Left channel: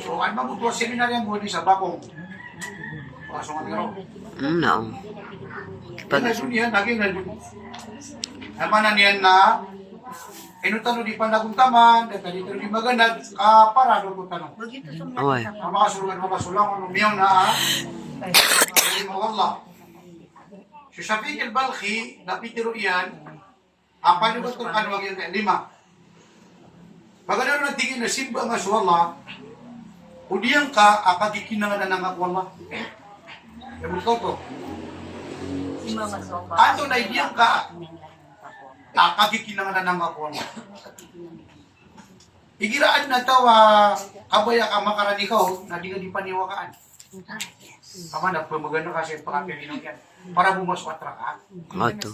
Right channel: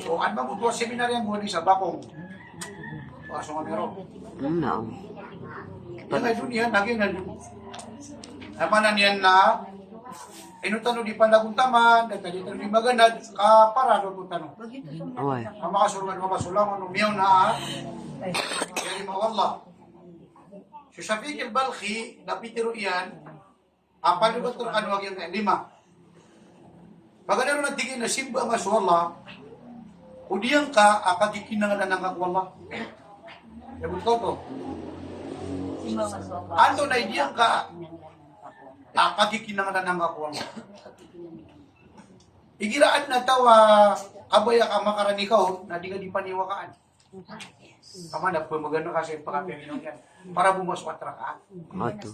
So, ano ba mo seminar yan buwan sa Bakong? Pasok nga pero. No. Pag na dunia, lagi na dunia. Naman na niyan na, inutano di pandaguntaman, dito di maganad, para doon po tanong. Away. Ang makasulang, umiyaw na, hindi mo Allah. Si Shafiq al-Balkhi, napitiro iyan, ang panibator kanwag yan, 5. Pagkano na tingin na simba nga sa Allah, udiyang ka, akagikinangan na ng Allah. Sabi ko to, ato na idiyang ka, akagikinangan na ng Allah. Igiraan na tawa, kabaya ka makaranikaw, na di ka di paniwakaan. Kama na po maganda kasi pagkapininong yan, para bumasok at rakaan. Ato.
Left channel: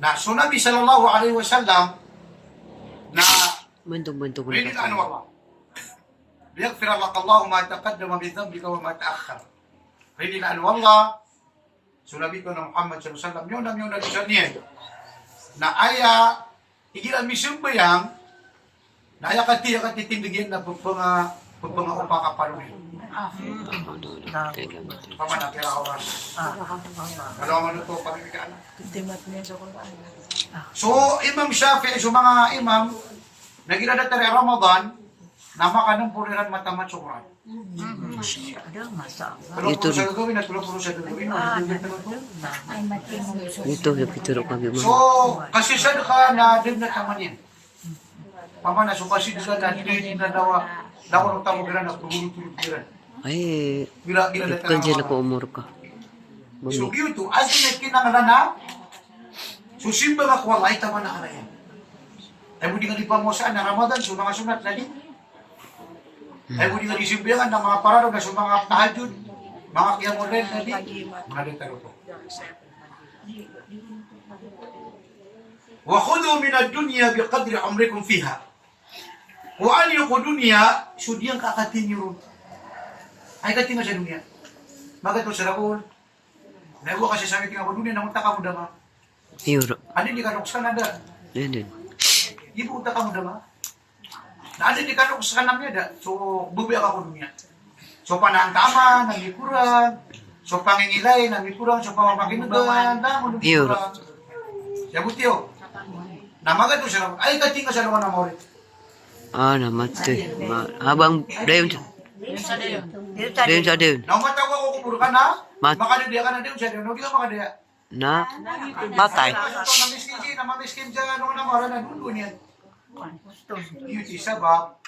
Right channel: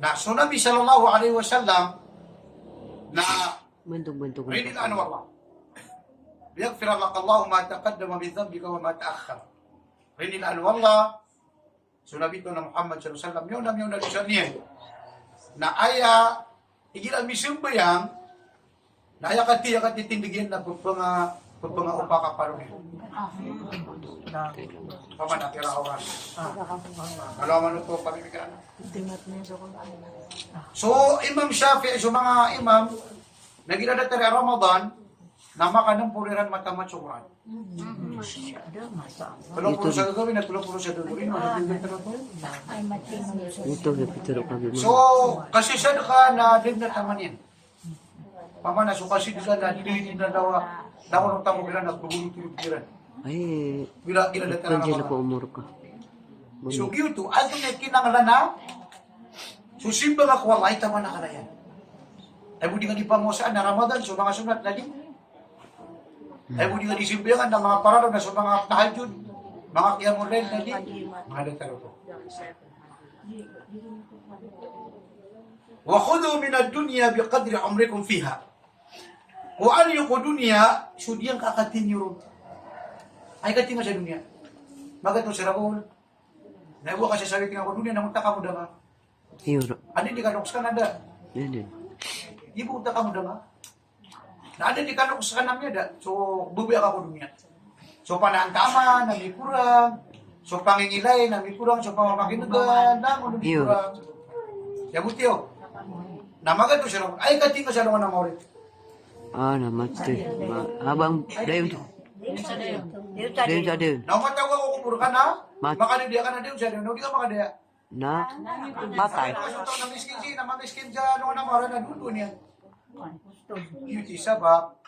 Na, so Nabi sallallahu alaihi wasallam, na, Bantog-bantog na rin kasi. ano Allah, liyagfir laka Allahu ma taqaddama min dhanbika wa ma ta'akhkhar. Rin ano Allah, so Nabi ko na Muhammad sallallahu alaihi wasallam, yun ang nag-isyan niya, na aya, igilan misimbayang, na aya kati titindigyan na pagpanga upaka parunin. Pamana, kaya oras. Dalawa man ito, pamimikaan. So, Imam Shafi'i, so mga imam, nagilada tari Ramadan, na makanang puliran matamat sa Quran. Tulong po sa gagawin at tulong po sa gagawin. Ito, napituro kami So, mo. kasi saan ka na din na taman yan? Pamana, so kasi saan na hindi na dawa ng tamo kira na pagulutulog kira. Ay, Bila ikan sila po umur ka. So, yun as may kinangalan na, so simba ka walay taman na ka na yan. Ay budi nga di pangosaan na Ramadan, so mga sunat na din. Ay budi nga di simbiyangan na mga pararo na so mga tahajud, mga kiyamodel na din. Mga detaro ko. Wa khudu min ad-dunya biqadri umrikum fiha. Wa an yuqu dunya, so diyang kakatin nyo. Ay katin nga sa dunya. Magato sa rakon. Naiwa kasi sabi tingnan ko dunya, namunta ka mo dama. Euro. Ano hindi ka nuks ka nanda? Yan din. Ibu utak kamu dama. Na ada di kanok sa kanam niya da. So bubuya ka ko dunya. So panang tama, nang kurang. So pangingilay, nang kurang. So pamapakinugan, nang kurang. Siya butiyo. Namaga to siya. Ay kating ka sa luwan ng orit. Ah, namatay. Habang dayon siya. Dayon siya dayon. Naumataw ko kupuro ka na. Mat- Makadaya ka na din siya. Hindi ka makadaya. Na? Matay. Namiskin siya, namamiskin siya. Ano na mara na dulo niyan. Yun si sabab.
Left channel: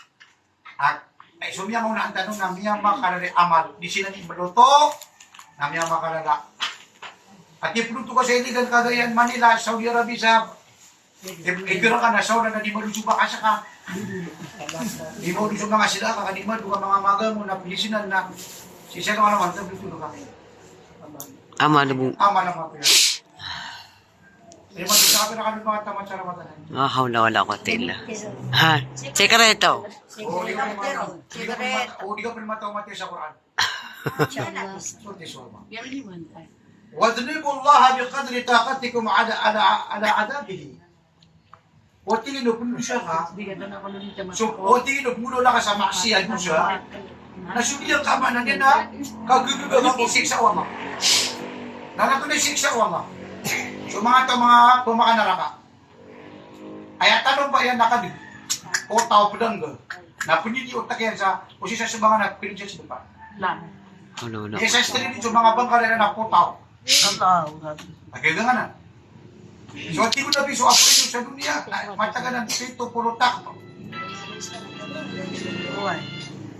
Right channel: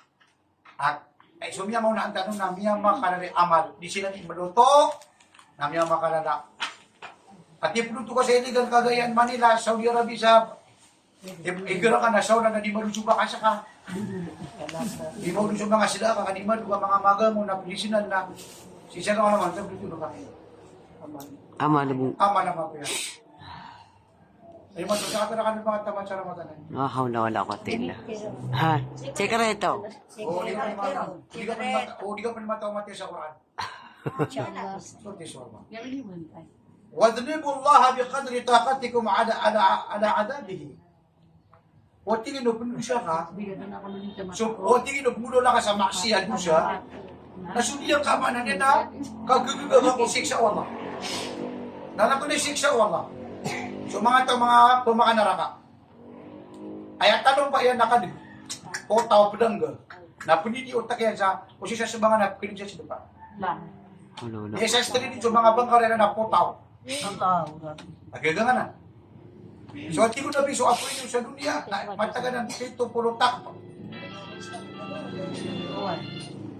At ay sumya mo na ang tanong na miya makalala amal. Di sila ni maluto. Na miya makalala. At ipluto ka sa iligan Cagayan, Manila, Saudi Arabia sa ikira ka na sauna na di malusuba ka sa ka. Di mo lusuba nga sila ka kanima duka mga maga mo na pilisinan na sisya ka naman sa luto ka kayo. Ama na mo. Ama naman po yan. Eh, magkakapira ka ng mga tamad sa Ramadan. Ah, wala ko tila. Ha? Sekreto. O di ka pa naman mati sa Quran. Surti surma. وَاذْنِبُوا اللَّهَ بِقَدْرِ طَاقَتِكُمْ عَلَى عَذَابِهِ. O tingin mo puno siya ka. So, o tingin mo puno lang ka sa maksiyan mo siya. Nasudiyan ka man na niya na kagugugan ka kung siksa Allah. Nanato na yung siksa Allah. So mga tumakanaraka. Ay tanong pa yan nakadig. O tao pudangga. Na punili utak yan sa posisya sa mga napinig siya sa depan. Ano. Eh sa istri dito mga bangkala na naputaw. Nagkaga nga na. So, hindi ko nabi, so ako ito sa dunia, mataganan dito, puro takpo.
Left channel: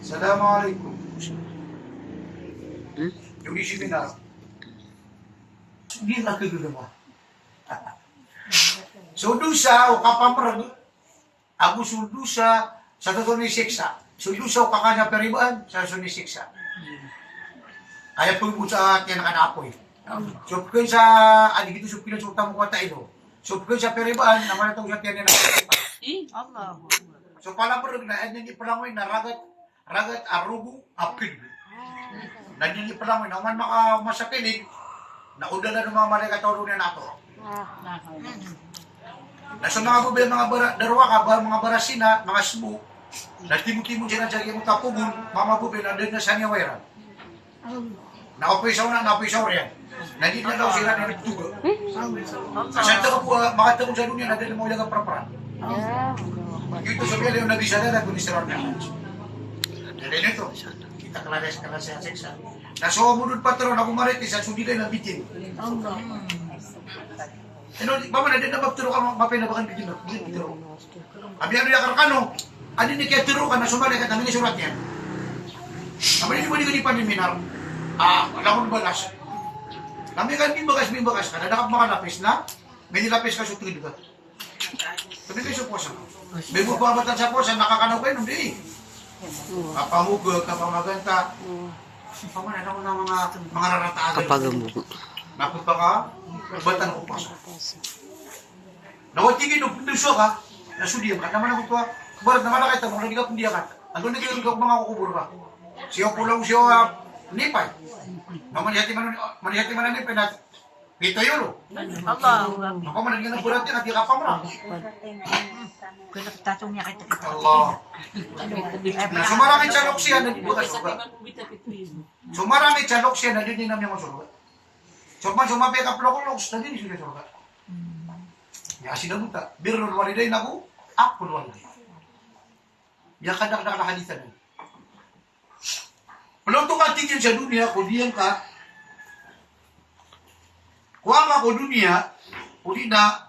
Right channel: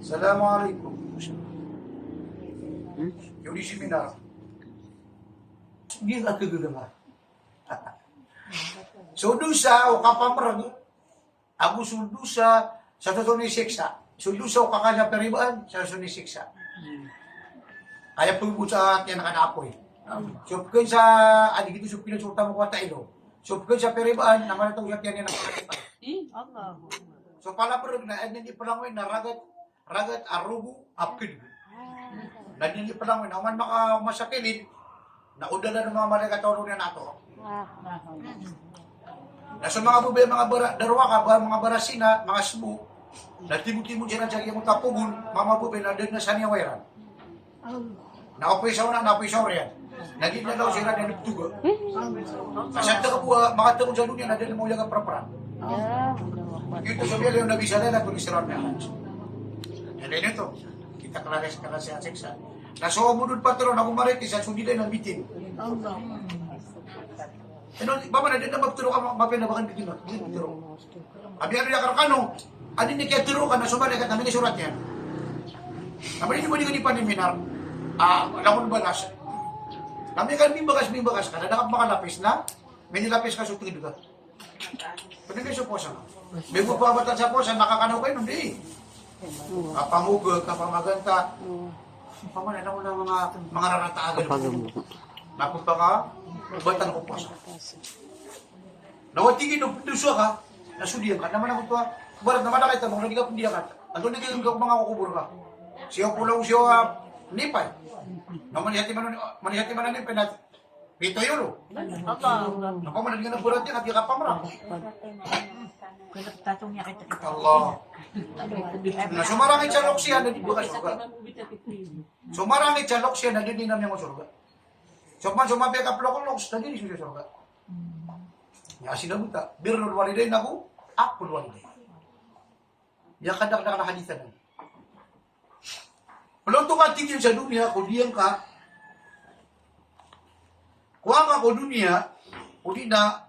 Assalamualaikum. Yung isipin na. Hindi na kagula mo. So, dusa, o kapamarag, ako sudusa, sa totoo ni siksa. Sudusa, o kakanya peribaan, sa totoo ni siksa. Kaya po sa atin nakanapoy. So, kung sa, adik itu supila sa utang kuwata ito. So, kung sa peribaan, naman itong sa tiyan na so, pala po rin, nanyan ni palangoy na ragat arugo, apid. Nanyan ni palangoy, naman makamasakilid, naudala ng mga marikatoro niya nato. Na sa mga bubay, mga darwa ka, mga barasina, mga sbu, Nagtimong-timong siya na siya yung tapubon, mamabubin, andun na sa niya wairan. Nakapisaw na, napisaw riyan. Nandito na daw sila na nagtuga. Kasi ito ka po, makatapon sa dunia, nandun na mo yung praparan. Ito sabihin yung nabisa na, kung istiraan niya. Dali nito, kita kalares ka na siya seksa. Nasuwa mo doon patron, ako maritis, at sundiday na bitin. Ano, baba na din na magturo ka, mapinabakan bitin na. Abi ano yung karakano, ano ni kaya turo ka na sumali ka, namin surat niya. Naman hindi mo di paniminar. Alam mo balas. Namin kan bimbagas ka, nadakap makalapis na, may nilapis ka sutid ka. Pwede kayo sa posa. May mo pabatan sa posa, nakakanaw kayo, hindi. Kapamugod, kapamaganta. Paman, alam mo na mga rarataan. Kapag Napunta ka, batan ko posa. Nawatigin ng punduso ka, nasudiyan ka. Naman ako ito, barat naman na kita mo, hindi ka pundiya ka. Andun na kayo mga kukubur ka. Siya pulang siya, nipay. No, manihati man nipay na pito yun. Ako man naging burat yan at di ka pamra. Allah. Na sumarangit sa loksya na dibukas ka. Sumarangit sa loksya na din namin mo surga. Summan sumabi ka plokolog, na din siya surga. Ya sinabuta, birrul walidain ako, akul walidain. Ya kadak na hadisan. Kalau tu ka tingin sa dunia, kudiyan ka, kuha ka ko dunia, kudi na,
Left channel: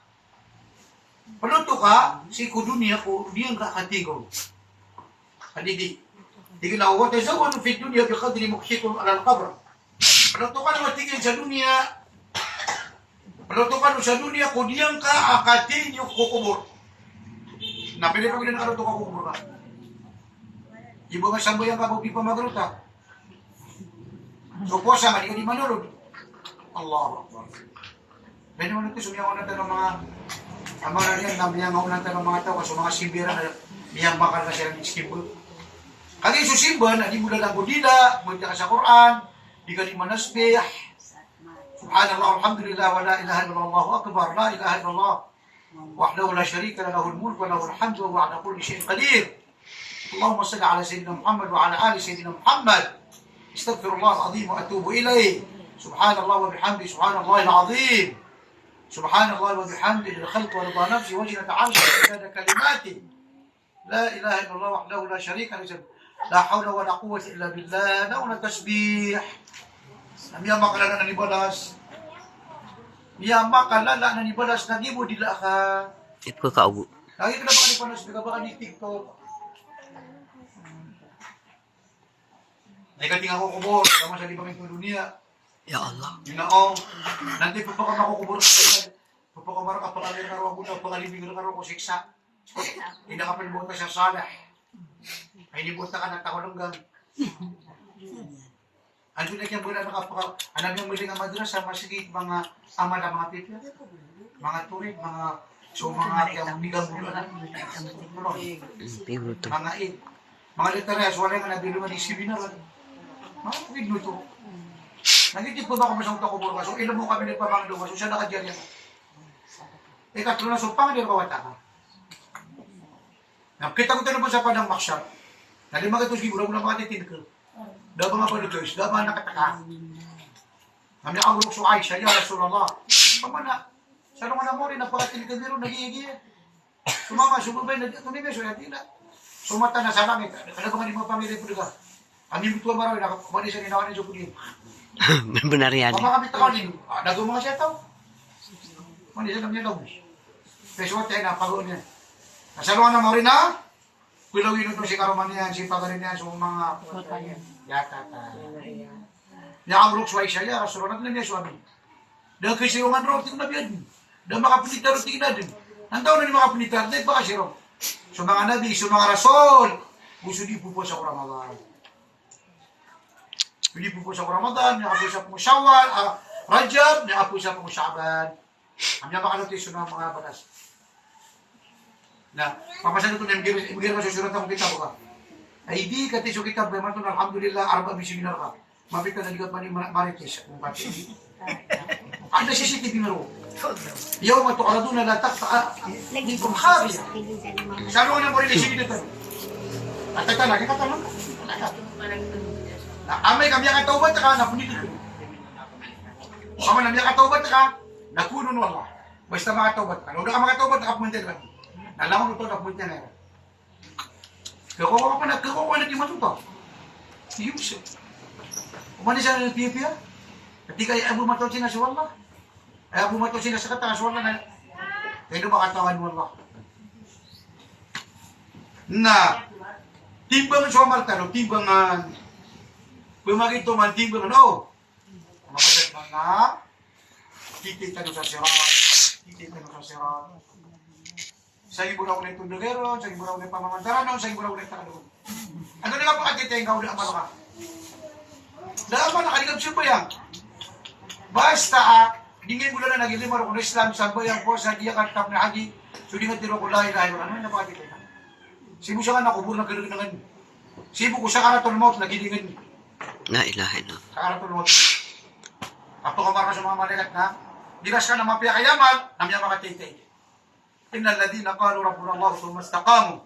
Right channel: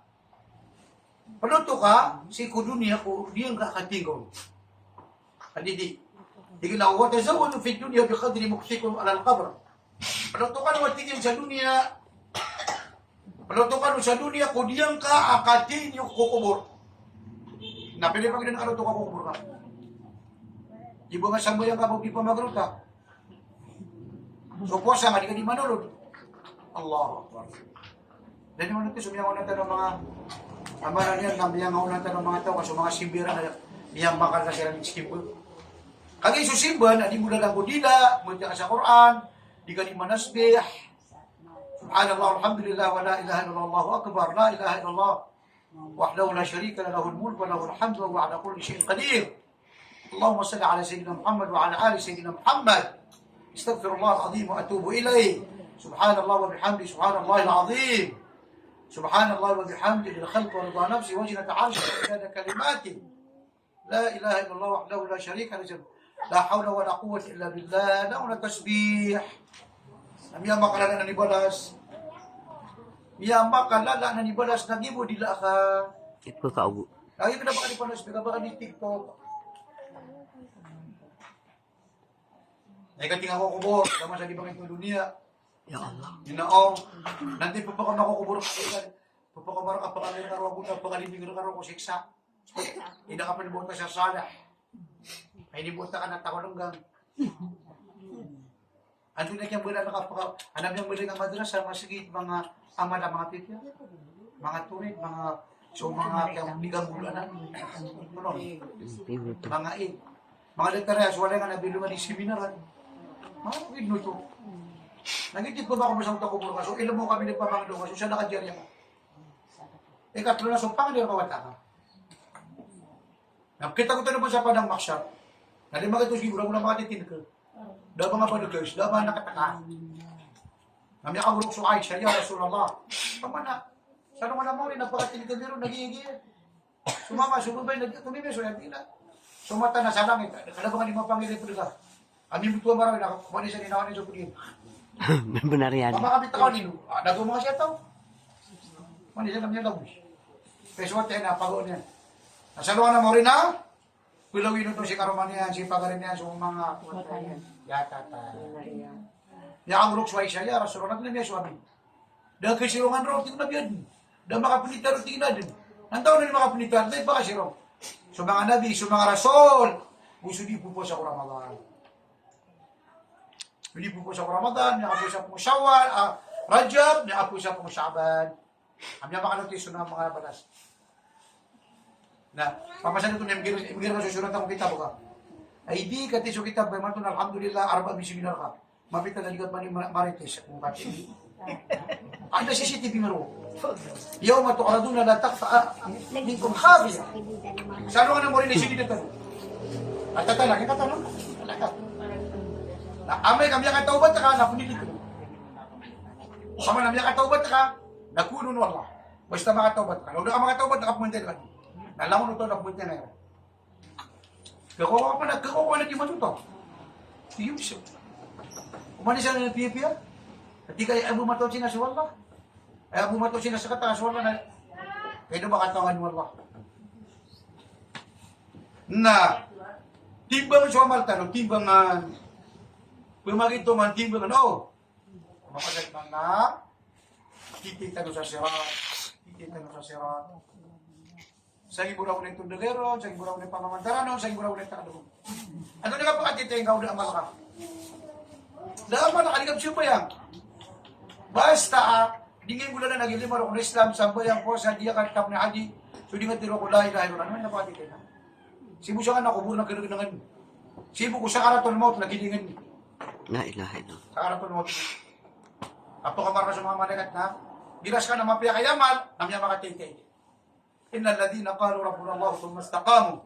kalau tu ka, si ko dunia, kudiyan ka katingol. Kadidi. Tingin na, wa tazawwadu fi dunia bi qadri mukhshikum ala al-qabr. Kalau tu ka naman tingin sa dunia, kalau tu ka sa dunia, kudiyan ka, akatin yung kukubur. Napili pa gina na kalau tu ka kukubur ka. Ibu nga sambayang ka, di pa magruta. So puasa nga, di ka di manulog. Allah Akbar. Dan yung nito, sumiyaw natin ng mga amara niyan, nabiyangaw natin ng mga tao, so mga sibira na biyang bakal na silang iskibol. Kaya susimban, di mo lang budila, mula ka sa Quran, di ka di manasbih. Subhanallah, alhamdulillah, wa la ilaha illallah, Allahu Akbar, la ilaha illallah. Wahdahu la syarika lahul mulk wa lahul hamdu wa ala kulli syai'in qadir. Allahumma salli ala sayyidina Muhammad wa ala ali sayyidina Muhammad. استغفر الله العظيم واتوب اليه سبحان الله وبحمده سبحان الله العظيم سبحان الله وبحمده للخلق ورضا نفسي وجنة عرشه ومداد كلماته لا اله الا الله وحده لا شريك له لا حول ولا قوه الا بالله له التسبيح Miya makalala na nibalas. Miya makalala na nibalas na gibo dila ka. Ito ka kaubo. Lagi ka na baka ni panos, baka ni TikTok. Naigating ako kubor, tama sa libangin ng dunia. Ya Allah. Ginaong, nanti pa ka makukubor ka. Papakamara ka pakalir ka ro ako, pakalibing ka ro ko siksa. Hindi ka pinbuta sa salah. Ay nibuta ka ng takolonggang. Ano na kaya mula nakapaka, alam niyo muli nga madrasa, masigit mga ama na mga titya, mga turit, mga so mga kayang bigang bulan. Mga id. Mga literas, wala nga nabilungan ni seminaran. Mga pagigno ito. Nagigit pa ba kung masang takubor ka? So ilan mo kami nagpapangdo ka? So siya nakadyan yan. Ikatlo na, so pangin yung kawata ka. Nakita ko ito na po sa padang maksyar. Nalimag ito siguro mo na makatitin ka. Daba nga paligos, daba nakataka. Kami ang urok so Aisha, ya Rasulullah. Pamana, saan nga na mo rin, napakatinig ka biro, nagigigil. Sumama, sumubay, tumibay, so yan tila. Sumata na sa langit, kalabangan ni mga pamilya po ka. Kami butuwa maroy, nakakumani sa ninawan ni Jopudin. Benar yan. Mama kami takalin, nagawa mga siya tao. Mani siya namin daw. Peswat tayo na, pagod niya. Nasaluan na mo rin na, pilawin ito si Karoman niyan, si Pagarin niyan, so mga yatata. Yang rok suway siya, ya Rasulullah, natin niya suwabi. Dahil kay sirungan rok, tingnan nabiyan. Dahil makapunita rok, tingnan din. Nantaw na ni makapunita, dahil baka sirong. So mga nabi, so mga rasul, gusto di po sa Ramadan. Hindi po sa Ramadan, nakapo sa po Shawwal, Rajab, nakapo sa po Sha'ban. Kami ang makanotis ng mga batas. Na, pamasal ito niya, ibigay mo susunod akong kitab ka. Ay di kati so kitab, may matun, alhamdulillah, arba bisiminar ka. Mapita na ligat pa ni Marites, kung pati. Anda CCTV mo. Yaw matukaraduna na takta, hindi kong habi. Saan mo nga na mo rin isigin ito? At lagi katanong ka. Na amay kami ang taubat ka na punit ko. Kama nami ang taubat ka, nakuno no Allah. Basta mga taubat ka. Udah ka mga taubat nakapunta lang. Nalamon ito nakapunta na yun. Kakawa na di matuto. Yusuf. Umani siya ng piya-piya. Ketika Abu Matau sina sa Allah. Abu Matau sina sa kata sa Allah na. Kaya makatawan mo Allah. Na timbang somal talo, timbangan pumagito man timbangan makagat mga titita sa sirat sa iburaw na itong dagero, sa iburaw na pamamandarano, sa iburaw na itakadugong ano nila pa katitay nga ulit amal ka dahil nakaligab siya ba yan basta dingin mo na nagilima ro kung Islam sa bayang po sa diya kartap na agi so di nga tiro ko lahi ano na pakatitay na sibu siya nga nakubur na gano'n sibu ko sa karaton mo nagidingin La ilaha illallah. sa karaton mo ato ka marka sa mga malaikat na diras ka na mapya kayaman namya makatitay innal ladhina qalu rabbuna Allah thumma istaqamu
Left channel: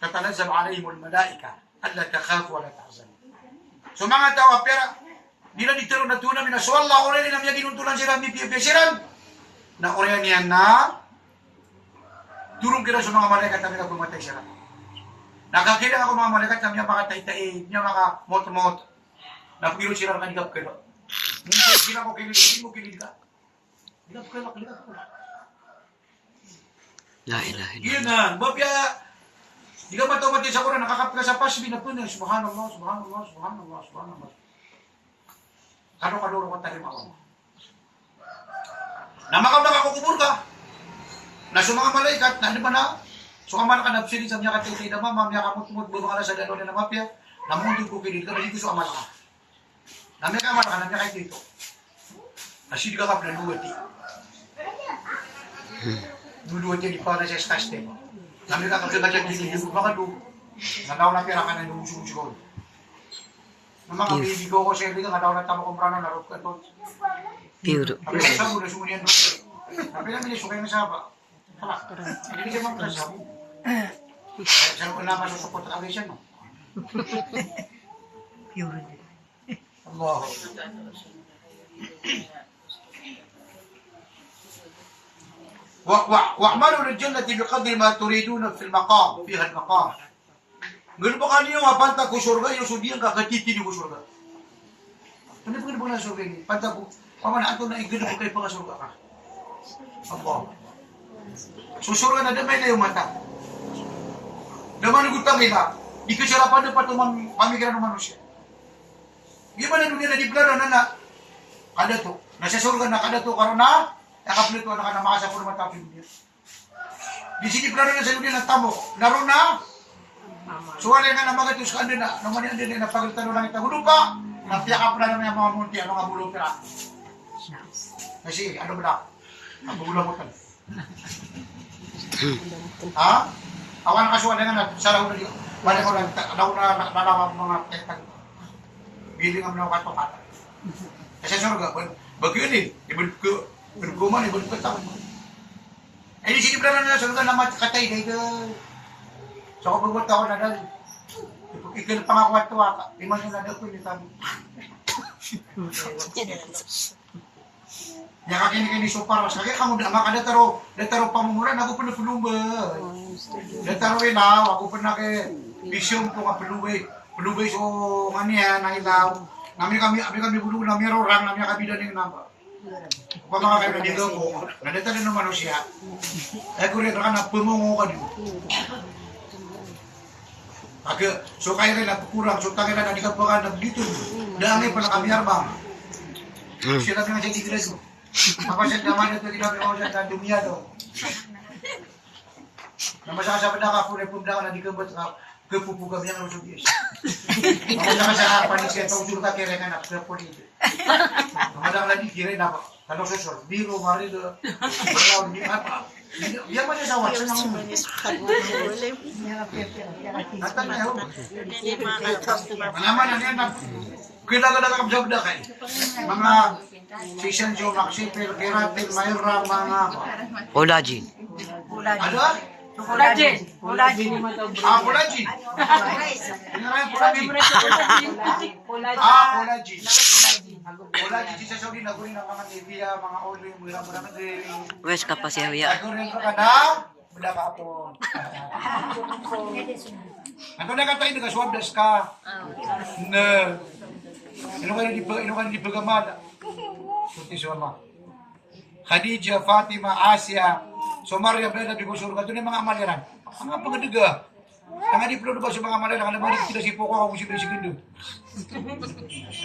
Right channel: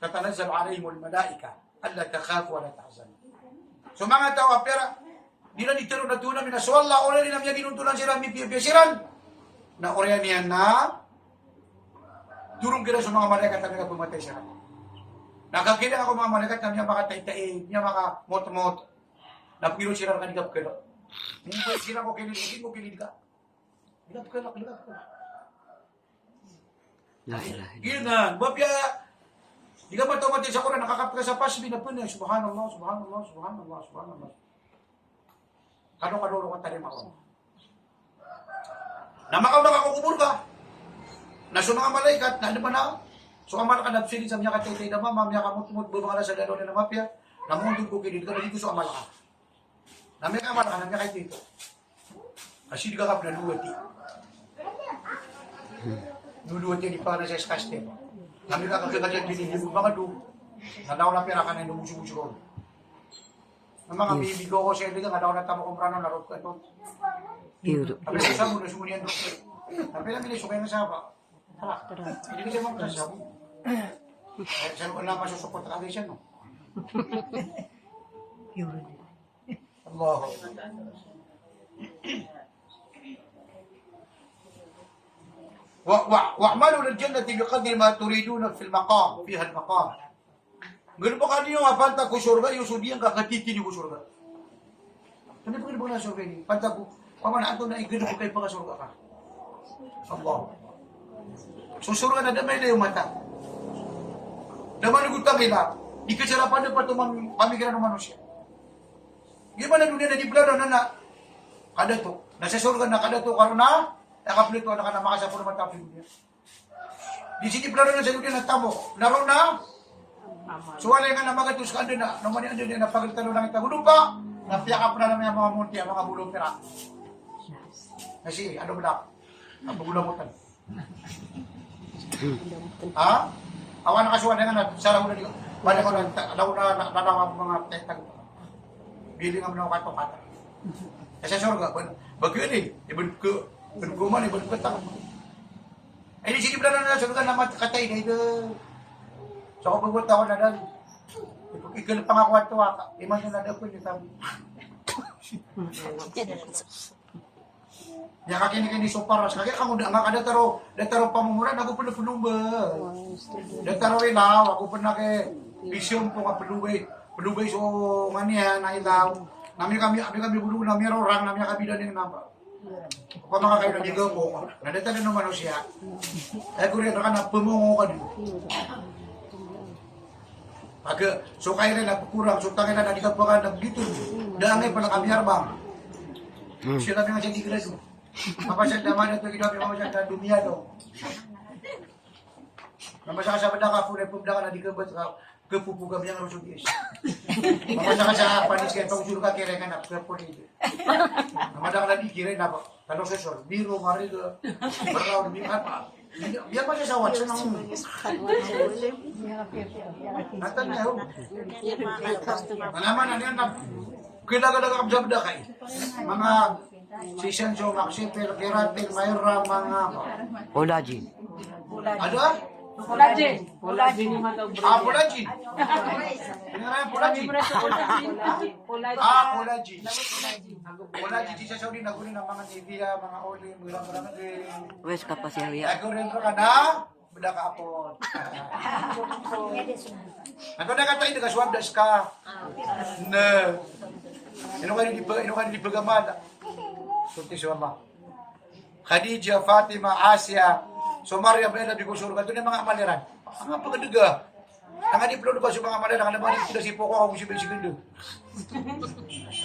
tatanazzalu alayhim almalaika alla takhafu wa la tahzanu so mga tao pera dila ditiro na tuna mina so Allah ore ni namya ginuntulan sira mi piyasiran na ore niya na turun kira sa mga malaikat na pumatay sila. Nakakila ako mga malaikat na niya makatay-tay, niya makamot-mot. Napiro sila kanigap kayo. Hindi sila ko kilid, hindi mo kilid ka. Ligap ka. La ilaha illallah. Yun na, babya. Di ka mataw-mati sa Quran, nakakap ka sa pasbi na po na, subhanallah. Kano-kanuro ka talim ako. Namakaw na kakukubur ka. Na sa mga malaikat, na ano ba na? So kamal ka nabsili sa mga katay na mama, mga kamut-mut, bumang sa lalo na mapya, namundig ko kilid ka, dito sa amal ka. Nami ka amal ka, nami ka dito. Asid ka na luwati. Luwati di pa na sa eskaste. Nami ka kapsa ka dito, baka doon. Nalaw na pera ka na yung musumusukon. Ang mga baby ko sa ito, nalaw na tamo kumprano, narot ka ito. Pure. Sabi ka sa muna, sumunian doon. Sabi na minisukay na saba. Hindi siya mga kasabi. Saan ko na masusupot ang agresyon, no? Pure. Allah. Wa'malu lil-jannati biqadri ma turiduna fil maqam, fiha al-maqam. Ganun ba kanino nga panta ko surga, yung sudiyan kakatiti ko surga. Ano ba na surga ini? Panta ko, pamanaan to na igano ko kayo pang surga ka. Allah. Susurga na damay na yung mata. Naman gutang ila, di kesalapan pa tumang pamikiran ng manusia. Gimana dunia na di plano na kada to, nasa surga na kada to karon na nakaplito na kana makasapor mata sa dunia. Di sini plano na sa dunia na tamo, naron na. Suwala nga na mga tus kan na, naman ni na pagtalo lang ita pa. Napiyakap na naman mga munti ang mga bulong pera. Kasi ano ba? Ang bulang mo tan. Ha? Awan kasuan nga sarang na balik ko lang daw na mga tektan. Biling ang mga katopata. Kasi surga bagyo ni ibon ko man ibon ko ta. Ay di sini plano na surga na matkatay dito. So ako pagbuta ko na dal. Ikil pangako ato aka. Iman na daw ko ni tam. Ya kakini sopar sa kaya kamu kada taro pamumuran ako pun pulumba. Taro ilaw ako pun ke vision ko ka pulubay so ngania na ilaw. Kami bulu na mero orang namanya kami dan yang napa. Pa mga kayo dito ko. Nadeta din naman siya. Ay ko rin kana pumungo ka dito. Pag so kaya na kurang so tangin na di ka pa dito. Dangay pa na kami arbang. Sila nga jadi greso. Apa sa naman ito tidak mau sa dunia do. Namasa sa benda ka pure punda na dikebet ka kepupu kami yang rusuk yes. Namasa sa panis ka tong juga kere kan ke puri. Namasa lagi kire na kalau sesor biru mari do. Kalau di apa? Dia mana sawat senang. Naman na yan kita kabjabda kay. Mga season jo maksi per keratin mayroong mga Olaji. ada Collagen. Ah, collagen. Collagen. Collagen. Collagen sa Saudi na kunin ang mga TV, mga oli, mura-mura na din. Wes ka pa siya huya. Ako rin ka na, wala ka po. Ano na ka tayo, nagkaswabdas ka. Na. Ino ka di pagamada. Kunti suwama. Khadija, Fatima, Asia, Somaria, Beda, Bigusur, ito na mga amaliran. Ang pagkadaga. Ang diplo ba sa mga amaliran, ang naman kita si Poko, ako si Bisigindo.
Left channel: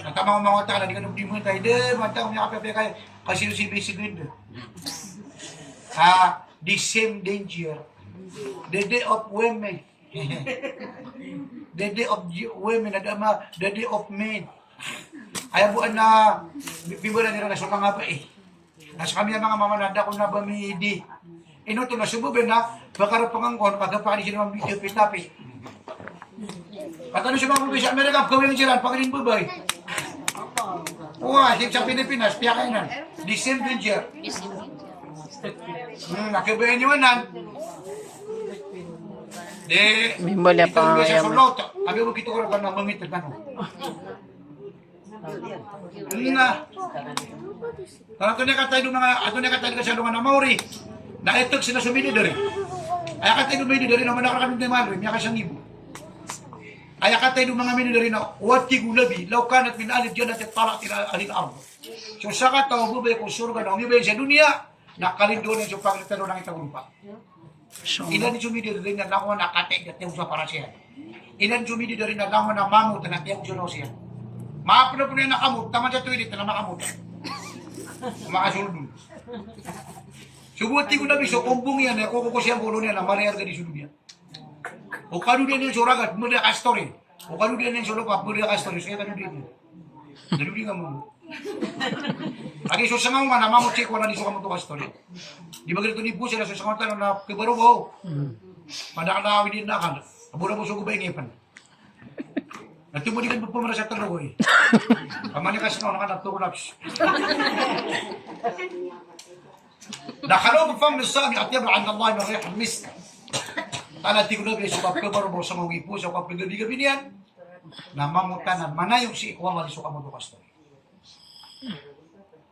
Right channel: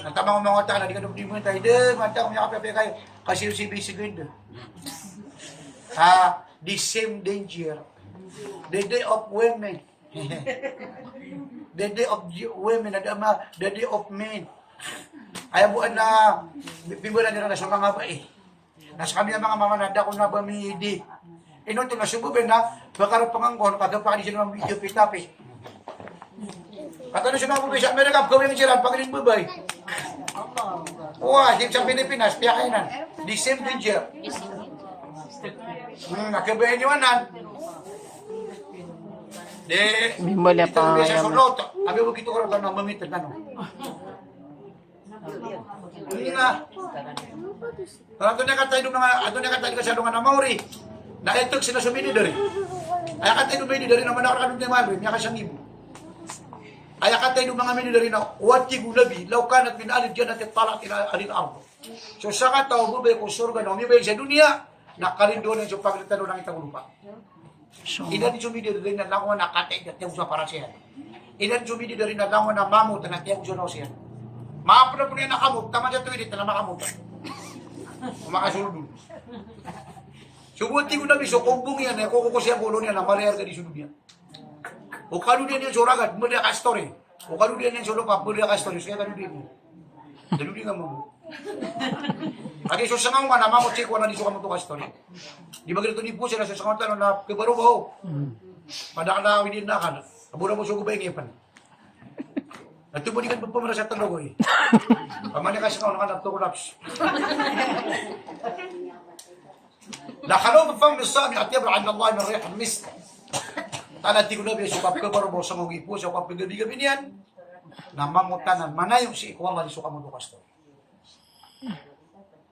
Ang tamang mga tala, di ka nung timuin tayo, mantang mga kape kayo, kasi si Bisigindo. The same danger. The day of women. The day of women, the day of men. Ayaw buwan na, bibulan nila na sa mga ba eh. Nasa kami ang mga mamanada ko na bamidi. Ino ito na sububin na, baka pangangkon, pagkapakali siya ng video pitapi. Katano siya mga bubay sa Amerika, gawin ang siran, pagaling bubay. Uwa, sa Pilipinas, piyakainan. The same danger. Nakabayan nyo anan. Mimbolya pa nga Sa yaman. sulot, abi mo kito ko rin na mamit na no. Na. Ato na katay ka sa lungan na Maori. Na etok sila sumili dari. Ay katay dumili dari naman ako kami Maori, miya ka siyang ibo. Ay katay dum mga mini dari na wati gulabi, law kanat min alid jannat talaq ila alil ard. So sa kataw bubay ko surga no, mibay sa dunia, nakalindon yung pagritano ng itang lupa. Ilan sumili dari na langon na katay gatay sa para siya. Ilan sumili dari na langon na mamut na tiyaw sa siya. Maapna po niya nakamot, tama siya tuwilit na nakamot. Makasuldo. Subuti ko na biso, kumbong yan, kung ko siya bulo niya, na mariar ka di sulod yan. O kanu din yung suragat, muna ka story. O kanu din yung sulupa, muna ka story. Kaya kanu din yun. Daluli nga mo. Agi so sangaw man, namamot siya ko na niso ka mo ka story. Di ba ganito ni po sila, so sangaw tanong na kibaro ba ho? Padakalawi din na kan. Abura mo sugo ba yung ipan? Natumulikan pa pamara sa talo ko eh. Pamanya kasi na nakanak to collapse. Nakalaw pa fam sami at yabra an Allah min rih misk. Tala ti ko na biso ka baro sa mga ipo sa kapag gabi niyan. Namamutanan manayong si ikwala di suka mo to kasto.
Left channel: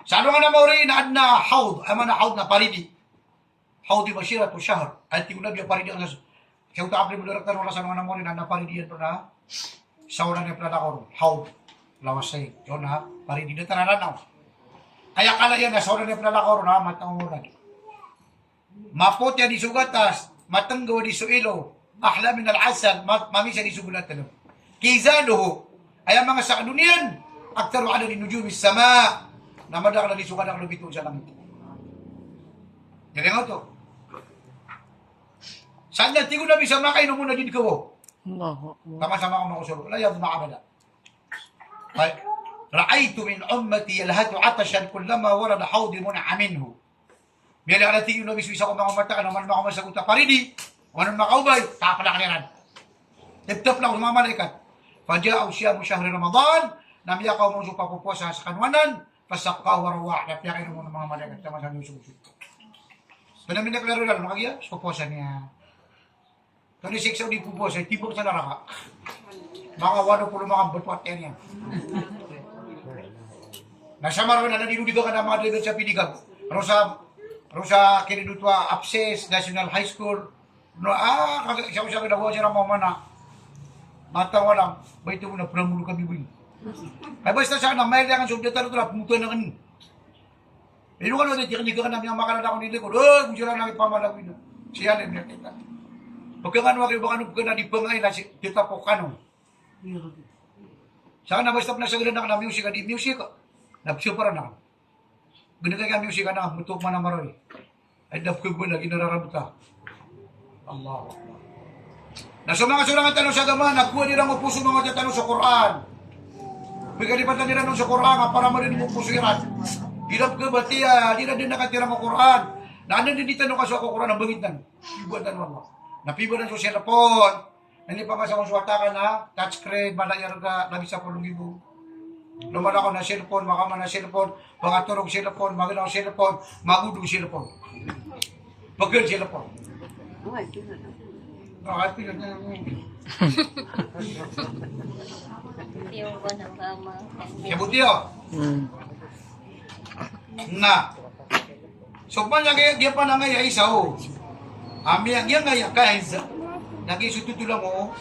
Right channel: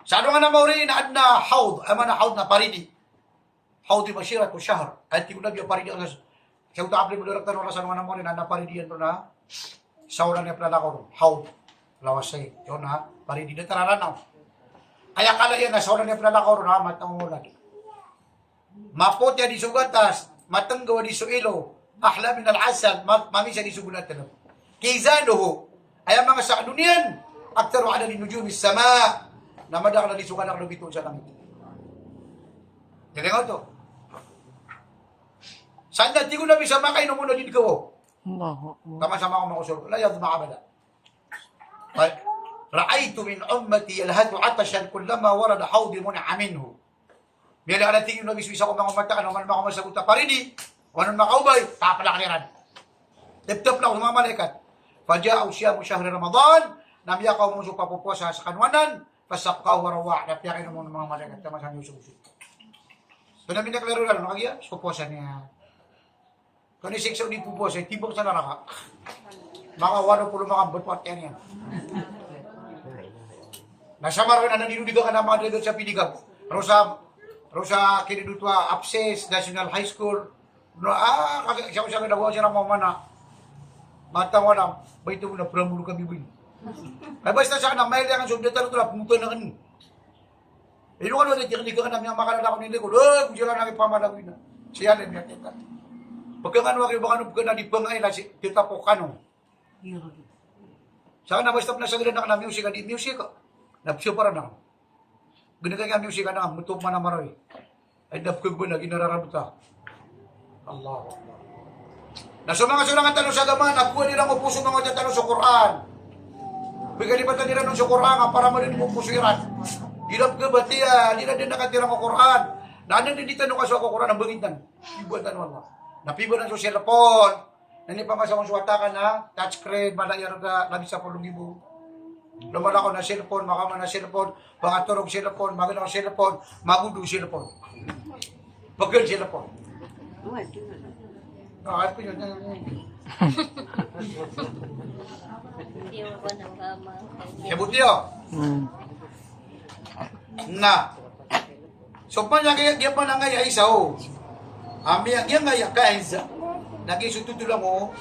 Sa ano nga na Maori na adna haud, ama na haud na paridi. Haud di mashirat o shahr. Ay ti ko na biya paridi ang kaya uta apli mo direkta no sa mga na Maori na paridi yan to na. Sauran niya pala ako, how? Lawasay, yun ha, pari di na taranaw. Kaya kala yan na sauran niya pala ako, ha, matang mo lagi. Mapotya di sugatas, matanggawa di suilo, ahla min al-asal, mamisa di sugulat talam. Kizaluhu, ay ang mga sa duniyan, aktaru ala di nujumis sama, na madakala di suganak lubito sa langit. Galing ako to. Saan na, tigo na bisa makay, no muna din ko. Sama-sama ako makusur. La yadma abada. Ra'aytu min ummati yalhatu atashan kullama warada hawdi mun'a minhu. Bila ala tingin na biswisa ko mga mata, ano man makasagot na paridi, o anong makaubay, tapalakliran. Tip-tip lang mga malaikat. Faja'aw siya mo syahri Ramadan, namiyakaw mo sa papupuasa sa kanwanan, pasakaw warawa, napiyakin mo ng mga malaikat, tama sa niyo sumusut. So namin naklaro lang, nakagya, pupuasa niya. Kani siksa di po boss, tibok sa naraka. Mga 80 mga butwat yan. Nasama rin na nandinudiga ka na mga delegate sa Piligang. Rosa kinidutwa Apses, National High School. No, siya nagawa siya ng mga mana. Matawa lang, ba ito mo na pramulo kami ba yun? Ay basta sana, may lang ang subject na ito na pumutuan na kanin. Eh, nung ano, hindi ka namin ang makalala ko nilikod. Kung sila namin pamalawin na. Siya na yung nakita. Pagkakano kayo baka nung na di bangay na tita po kano. Saka na basta na sa gano'n na music, di music. Napsiyo para na. Ganito kaya music na, mutok man na maroy. Ay napkog mo na, ginararabuta. Allah. Nasa mga sulangan tanong sa gaman, nakuha nilang upuso mga tanong sa Quran. Pagkalipatan nila nung sa Quran, para marinig mo pusiran. Hirap ka ba tiya, di na din nakatirang ang Quran. Naanan din dito nung kaso ako Quran, ang bangitan. Ibuatan mo Allah. Napibo na sa cellphone. Hindi pa masakong suwata ka na. Touchscreen, malayar ka, labis sa 10,000. Luman ako na cellphone, makaman na cellphone, pangaturog cellphone, magandang cellphone, magudo cellphone. Pagkal cellphone. Ate ka na. Kabutiyo. Na. So pa niya pa na ngay isa o. Ami ang yang ngay kains. Nagisututulang mo.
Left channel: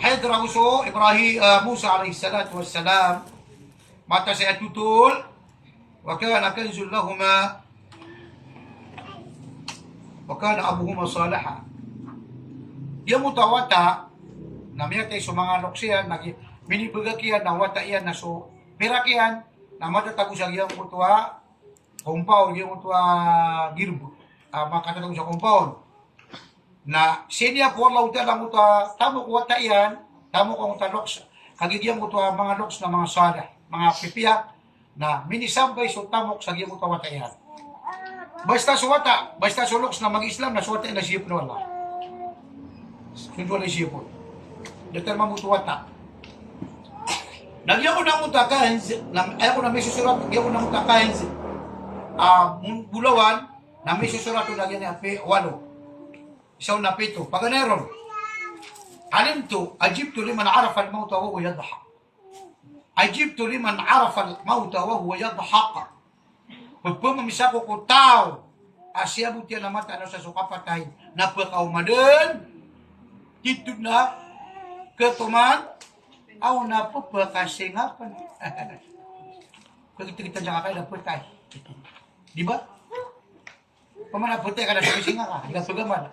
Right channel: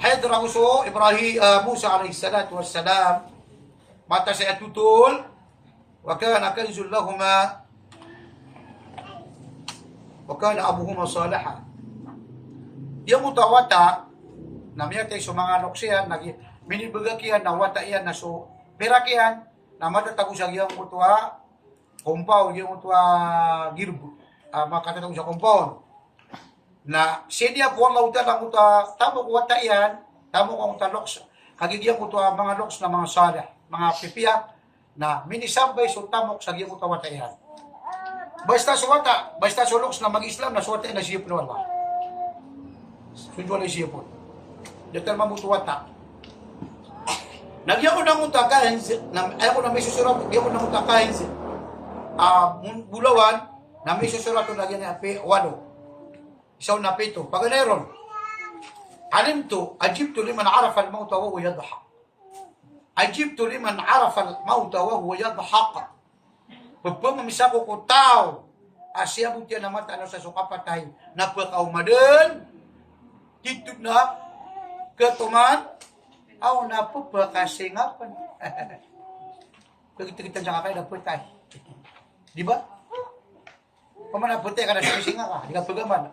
Hadra uso Ibrahim Musa alayhi salatu wassalam. Mata saya tutul. Wa kana kanzul lahumā. Wa kana abuhuma salihan. Yang mutawata namanya tayo sa mga loksiyan minibagakian na wata iyan na so perakian na matatago sa iyang utwa compound yung utwa girbo makatatago sa compound na siya po Allah lang utwa tamo ko wata iyan tamo ko utwa loks kagigiyang utwa mga loks na mga salih mga pipiya na minisambay so tamok sa iyang utwa wata iyan basta sa wata basta sa loks na mag-Islam na suwata na siya po Allah Sundwala siya po. Dito mamutuwata. Nagyan ko ng utakahin, ayaw ko na may susurat, nagyan ko ng utakahin, bulawan, na may susurat ko nagyan niya, walo. Isaw na pito. Paganeron, alimtu, ajibtu liman arafa al-mauta wa huwa yadhaq. Ajibtu liman arafa al-mauta wa huwa yadhaq. Pagpumamisa ko ko tao, asya buti na mata na sa sukapatay, napakaumadan, dito na ketuman aw na po pagkasingapan. Kita jangan kayak dapet tay. Di ba? Pamana putih kada sa singa ka, di ka pagaman.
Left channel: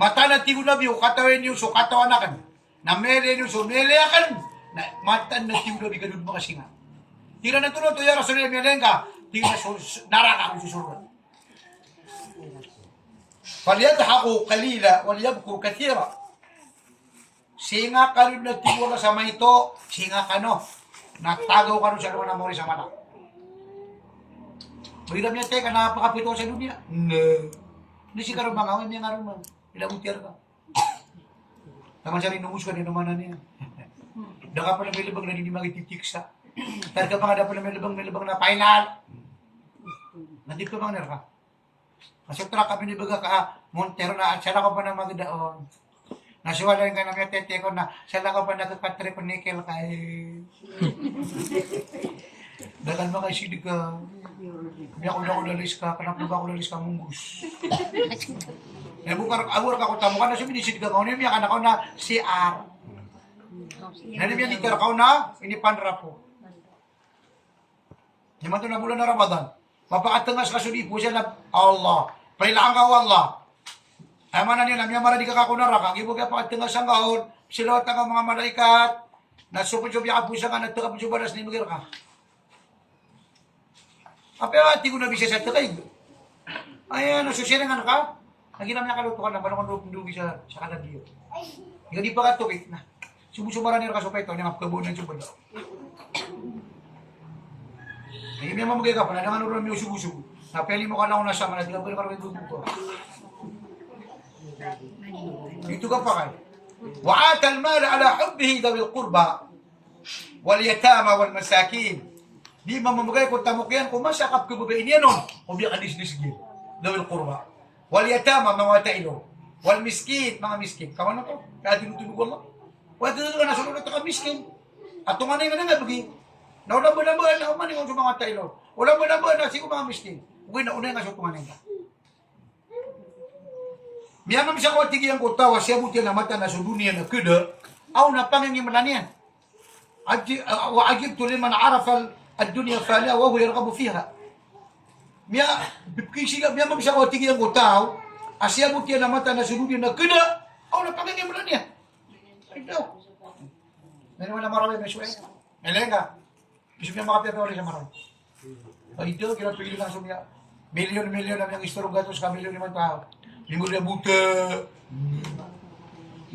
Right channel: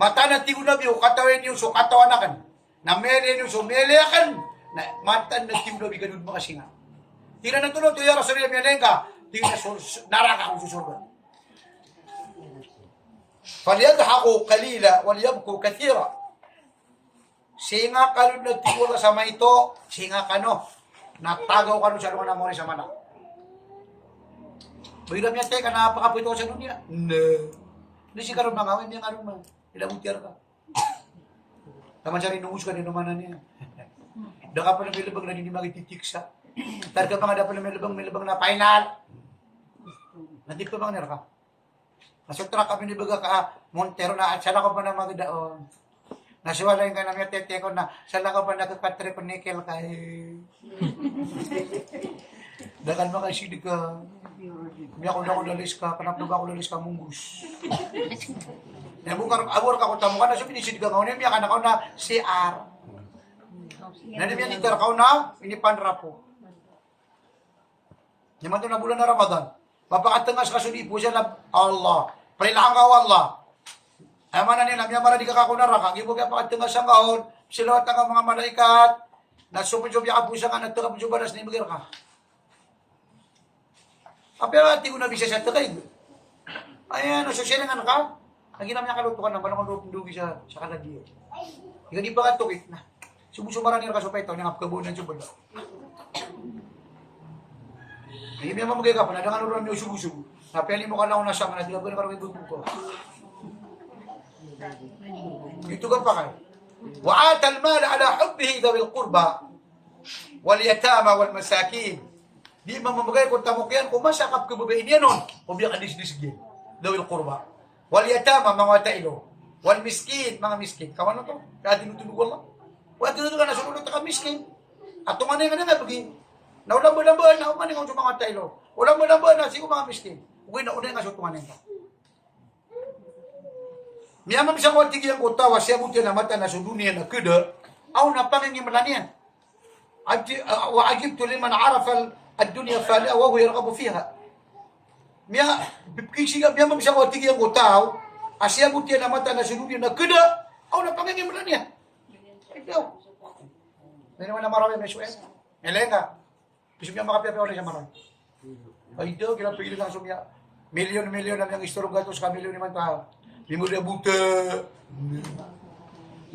Mata na tigo na biyo katawin niyo so katawanakan. Na mele niyo so mele akan. Na mata na tigo na biyo kadud makasinga. Tira na tuno to ya rasulullah mielenga, tiga so naraka ko surga. Falyadhaqu qalila walyabku kathira. Singa kalud na tigura sa ito, singa kano. Natagaw ka nun sa mga namori sa mana. Bagilam niya teka, napakapito sa dunia. No. Hindi si karon mga awin niya karon man. Ilabutiar ka. Taman siya rin nungus ka, ninumanan niya. Daka pa na may libang na hindi magititiksa. Targa pa nga dapat na may libang na final. Nandik pa bang nerka? Nasutra kami ni baga ka, Montero na, at sala ko pa na magdaon. Nasiwala yung kanang tete ko na sala ko pa nakapatre ko nickel kay dagan ba kay silig ka hindi ako na ko lalis ka kanapluga ko lalis ka munggus bukar awar ka ko tamo ka na sabi ni silig ka niya ka na ko na CR nani niya dito ka na ini panra po naman to na bulan na Ramadan mapakatangas ka sudi po siya na Allah pailangan ka Allah ay mana niya namya mara di ka kakunara kang ibo kaya pakatengah sa ngaon sila at mga malaikat na supod-supod ka pusa ka nagtaka-pusubaras ni magir ka. Pero ati ko na bisa sa takay. Ayan, nasusiringan ka. Naginam niya kalutukan na balong lupong dugi sa kanadiyo. Ika di pa ka tukik na. Subusumaran niya ka supay ito niya kabunan sa bala. Ngayon niya mamagay ka pa na nangan ulan niyo subusubo. Napeli mo ka lang nasa mga nagilagay ka rin buko. Itu kan pakai. Wa atal mal ala hubbihi dawil qurba wal yatama wal masakin. Di mamamagay ko tamok yan kung masakap ko babae niya nun. O biya kadis-disgin. Dawil qurba. Wal yatama mga tailo. Wal miskin mga miskin. Kawan na to? Kaya tinutunog mo. Wala tinutunog na sulunod ka miskin. At tumanay nga na nga bagi. Naulambo-lambo na umaning sa mga tailo. Ulambo-lambo na sigo mga miskin. Uwi na unay nga sa tumanay ka. Miyamam sa kawat tigyan ko tawa siya buti na mata na sa dunia na kuda aw na pangingimanan yan. Wa ajibtu liman arafa ad-dunya fala wa huwa yarghabu fiha. Miyamam sa kawat tigyan ko tawa siya buti na mata na sa dunia na kuda aw na pangingimanan yan. Ikaw. Meron na marami may suway. Elenga. Bisa niya makapiapia ulit sa marami. Ito, kinapili lang sumya. Milyon-milyon ang istorong gatos ka milyon naman tao. Minggu dia buta.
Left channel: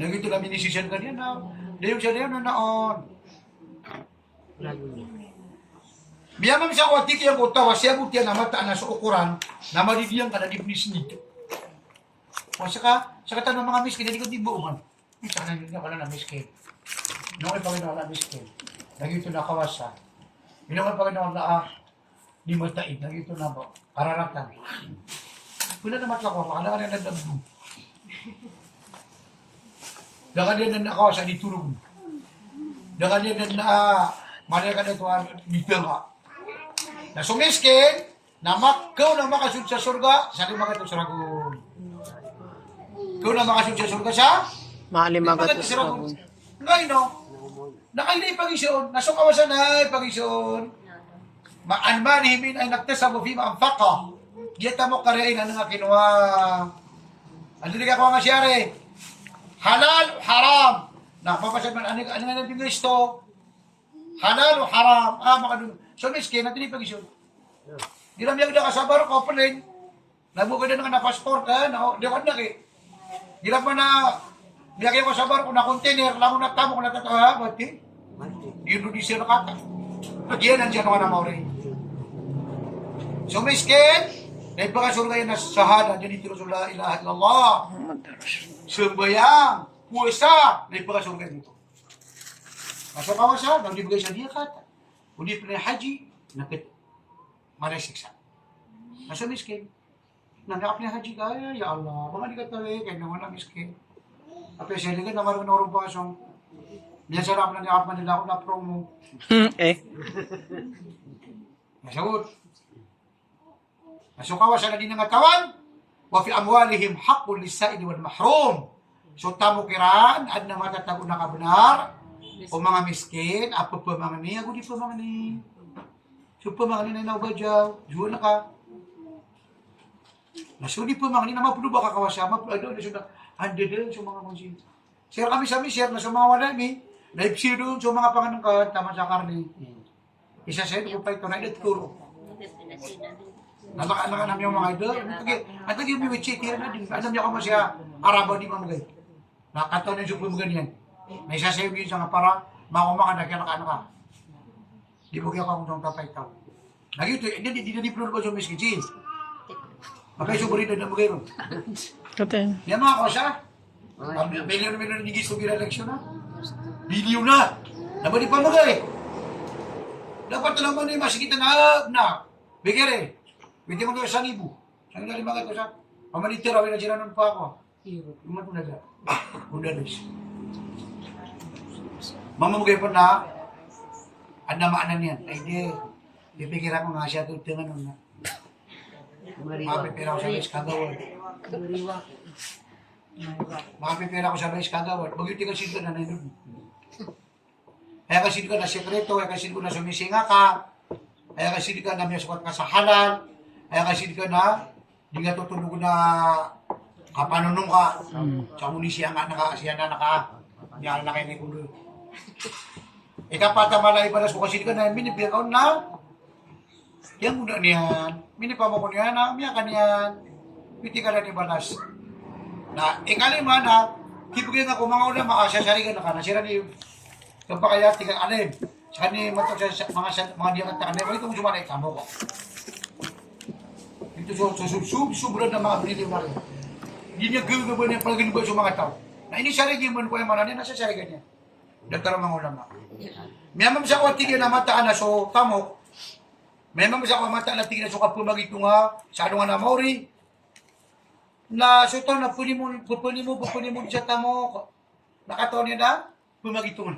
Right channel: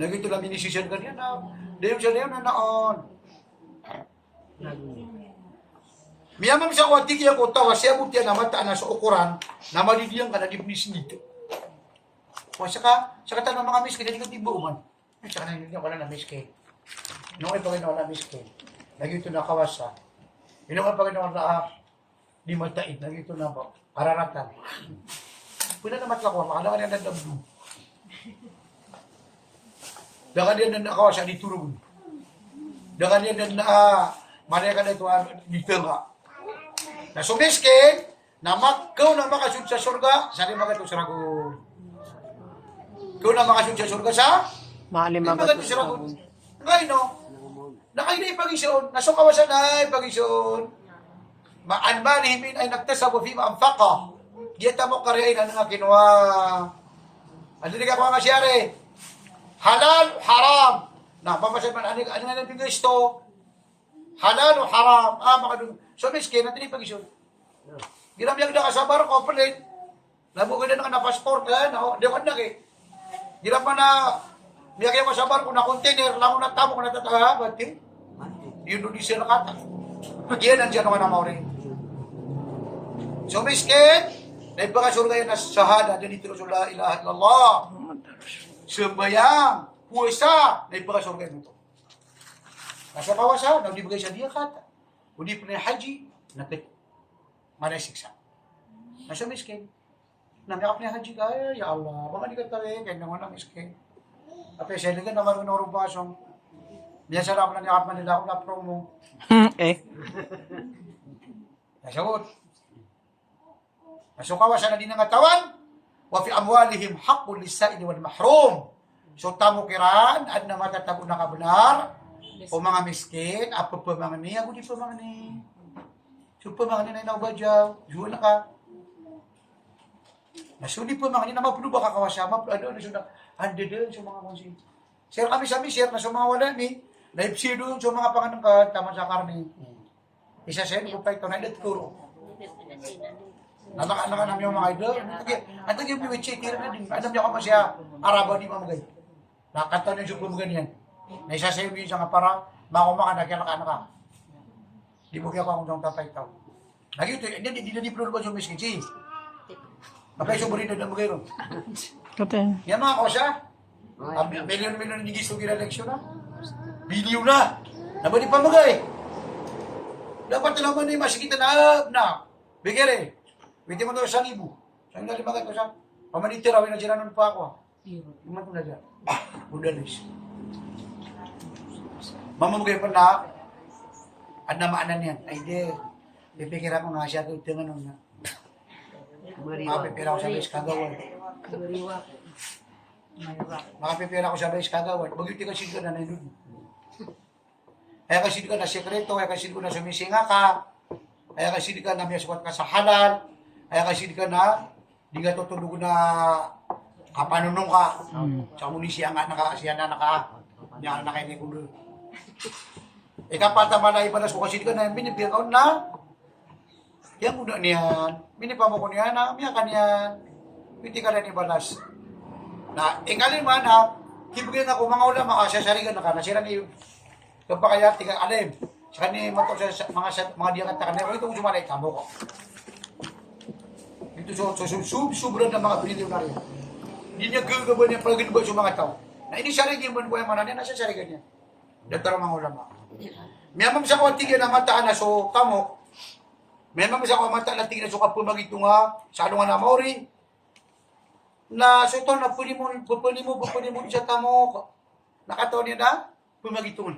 Nah gitu lah minisisian kan dia na. Dia bisa dia na naon. Miyamang sa kwatik yang kota wasya butia nama tak na sa ukuran. Nama di dia kada di bisnis nito. Wasa ka sa kata ng mga miskin di ko tibo man. Saka na yun wala na miskin. No ay pag na miskin. Lagi ito na kawasa. Ino ka pag na di matait lagi ito na ba. Kararatan. Wala na matlako, makalakan yan nagdabdo. Dengan dia dan kawasan diturun. Dengan dia dan mereka itu di tengah. Nah, sumiskin, kau na makasud sa surga, sa lima kato suragun. Kau na makasud sa surga sa? Lima kato suragun. Ngayon, no? Nakainay pag-isun, nasukawasan ay pag-isun. Ma'anmanihimin ay nagtasabu fi ma'amfaka. Diyata mo kariin ano nga kinuha. Ano di ka kuha nga siyari? Halal o haram. Napapasad man, ano nga nang pinisto? Halal o haram. Makadun. So, miskin, natin ipag-isun. Ginamiyag na kasabar ko, palin. Nabukid na nga na passport, di ko na eh. Ginam pa na, niyagay ko kasabar ko na container, lang ko na tamo ko na tataha, bati. Yun doon siya nakata. Yan, nandiyan ako na mauri. So, miskin, naipakasurga yan na sahada, dyan ito la ilaha illallah. Sembayang, puasa, naipakasurga dito. Masuk kawasan, nang dibigay siya dia kata. Udi pala haji, napit. Maray siksa. Nasa miskin. Nangyakap niya haji kaya, ya Allah, mga di ka tawi, kaya naman na miskin. Ape, siya din ka naman kung narubasong. Biyan ako nangyakap man nila ako na promo. Nasagot. Masuk kawasan na din ng katawan, wa fi amwalihim haqqul lis-sa'ili wal mahrum. So tamo kiran ad na matatago na kabunar o mga miskin apo pa mga ni ako di pa mga ni. So pa mga ni na ubajaw, jual na ka. Nasudi pa mga ni na mapuluba ka kawasama, ano na sudah hande din sa mga konsin. Share kami sa share na sa mga wala mi. Live share doon sa mga panganong ka tama sa karne. Isa sa ko pa ito na turo. Anak-anak yung mga idol. At yung biwitsi, tira na din. Alam niya ko masya, Arabaw di mamagay. Nakanta na yung suklong ganyan. Na isa sa'yo yun sa nga para, makumaka na kaya anak ka. Di mo kaya ko akong tapay ito. Nagyuto, hindi na di-plur ba yung miskitsi? Mabay suburin na namagay ron. Yan mga kosa. Milyon-milyon na nigis yung eleksyon na. Bilyon na. Naman di pamagay. Dapat naman na yung masikita na. Bigere. Pwede mo doon sa libo. Saan nga limagay ko sa? Pamanitira, na sinanon pa ako. Iman ko na dyan. Udalis. Mamamagay pa na, at namaanan yan. Ay di, pipikira ko nga siya ito yung ano na. Makapipira ko sa base kagawad. Makapipira ko sa base kagawad. Bagyuti ka sino na nandun. Kaya kasi ka na sekreto, kaya kasi ko na sumisinga ka, kaya kasi ka na may sukat ka sa halal, kaya kasi ka na, di ka tutulog na kapanunong ka. Sa munisya nga, siya na niya na kayo ni Kulo. Ikapatamala ibalas ko kasi ka na, minipiyakaw na, yan muna niyan, minipamo ko niyan, miya ka niyan, piti ka na ibalas. Na, ikalima na, kibigyan ako mga ulam, makasasarigan na ka, nasira ni, kapag kaya tingnan alin, sa kanya matok sa mga diyangat na kanila, ito kung sumalay, tamo ko. Ito sobrang na mga biniliw na rin. Hindi niya gagawin niya pag ginubay sa mga tao. Na ini sarigin mo po yung mananyan, nasa sarigan niya. Dagtara mga ulama. May mamang sa kawatigyan na mataan na so tamok. May mamang sa kawatigyan na tignan so kapumag ito nga, sa ano nga na maori. Na so ito na pwede mo sa tamok. Nakataon niya na, pumag ito nga.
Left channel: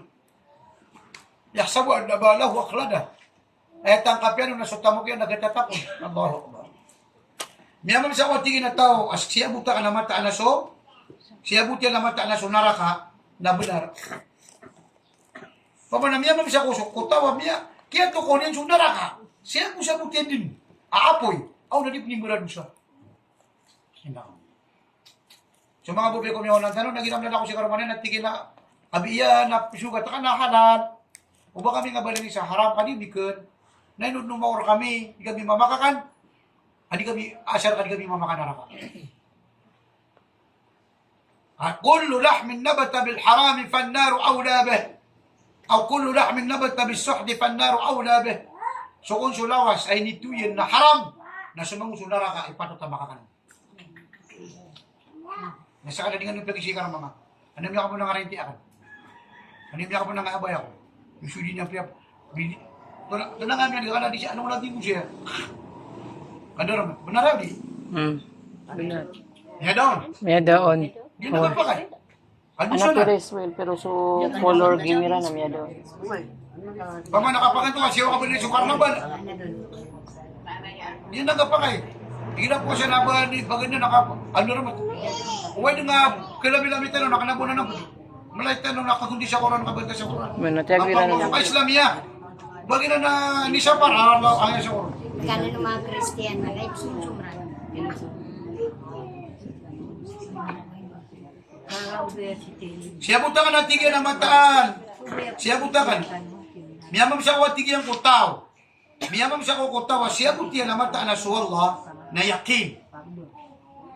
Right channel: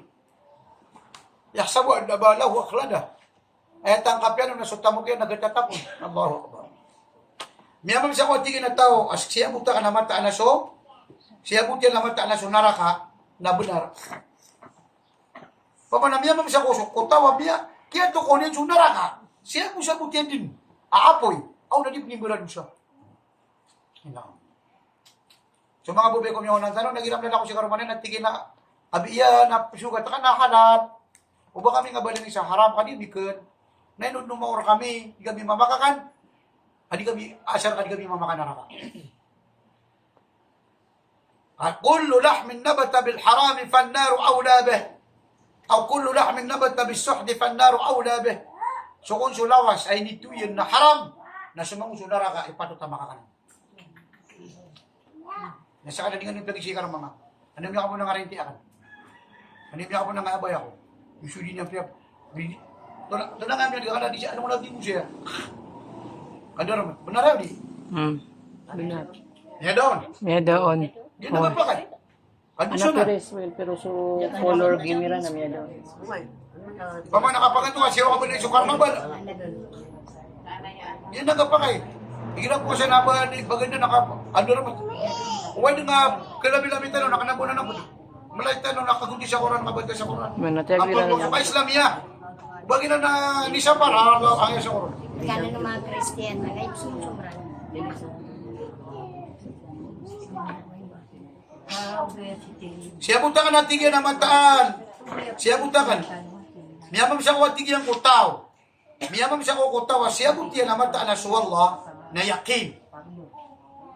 Yaksabu ang nabala, huwag klada. Ay tangkap yan, nung nasutamo kayo, nagtatapon. Nabaho ka ba? Miyamang sa kawatigyan na tao, as siya buta ka na mataan na so, siya buta na mataan na so, naraka, nabunar. Pamanamiyamang sa kusok, kutawa miya, kaya ito ko niyan so, naraka, siya mo sa buta din, aapoy, aw nadipning mo na doon siya. Hinaw. So mga bubay ko niyo ng tanong, nagiram na ako si Karumanin, at tigil na, abiya, na sugat ka na halal, o ba kami nga balin sa haram kadibikon, na inod nung maor kami, di kami mamakakan, adi kami, asar ka di kami mamakan naraka. At kullu lahmin nabata bil harami fannaru awla bih. Aw kullu lahmin nabata bis suhdi fannaru awla bih. So kung sulawas ay nituyin na haram, na sumang naraka, ipatot na makakan. Nasa kadadingan yung pag-isikar mga, ano niya ka po nang arinti akan? Ano niya ka po nang abay ako? Usuli niya priya. Tanang kami di kana di siya ano mo natin siya. Kadar benar di? Benar. Ya daon. May daon. Di na magpakay. Anak ko rin, pero so color gimira na miya daw. Pama nakapakan to kasi ako ba sa karnabal. Yan nagapakay. Hirap ko sa naban ni baganda ano naman. Uway nga kalabi-labi tayo nakanabo na naman. Malay tayo nakagundi sa Quran kabanta sa Quran. Manatagwira na Ang Islamia. Bagay na ni sa para ang sa Quran. Kano ng mga Christian na kahit sumsumran. Siya butakan ang tigyan ng mataan. Siya butakan. Miyamam siya ko tigyan ko tao. Miyamam siya ko tao. Siya butihan ang mataan na suwallah na yakin.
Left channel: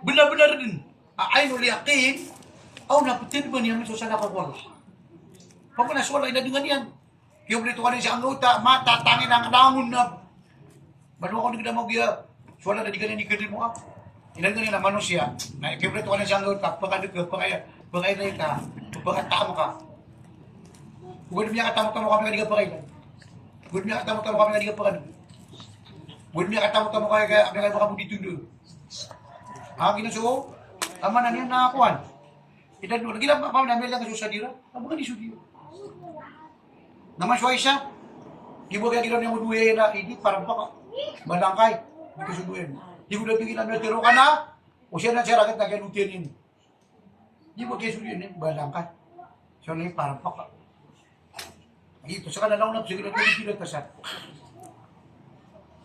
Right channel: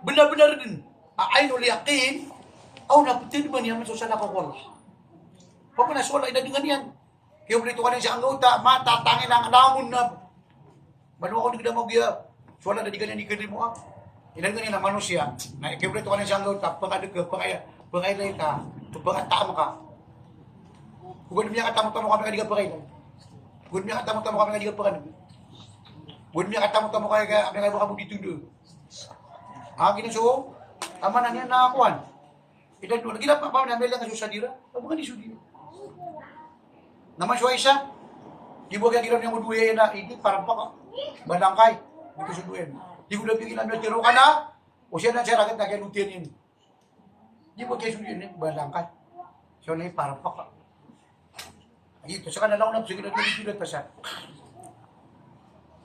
Benar-benar din. Ainul yakin. Oh, napitin ba niya sa sana kakwal? Papa na suwallah ina dengan yan. Kaya berito ka rin siya ang gauta. Matatangin ang langon na. Baru ako nagda mo giya. Suwallah na di ganyan ikirin mo ako. Ilan ganyan na manusia. Na kaya berito ka rin siya ang gauta. Pagkailan ka. Pagkatamo ka. Huwag niya katamo-tamo kami nga di ka pagkailan. Huwag niya katamo-tamo kami nga di ka pagkailan. Huwag niya katamo-tamo kami nga baka mong ditundo. Ang ginasuo, aman na niya nakakuhan. Ilan doon, nagilap pa namin lang sa dira. Aba nga ni Sudio. Naman siya isa. Di ba kaya ginawa niya mo duwe na, hindi, parang pa ka. Balangkay. Hindi ko suduin. Di ko lang bigyan na, tiro ka na. O siya na siya raket na kaya nutiyan yun. Di ba kaya suduin yun, balangkay. Siya na parang pa ka. Ito, sa kanalaw na, sige na pinipilot pa siya.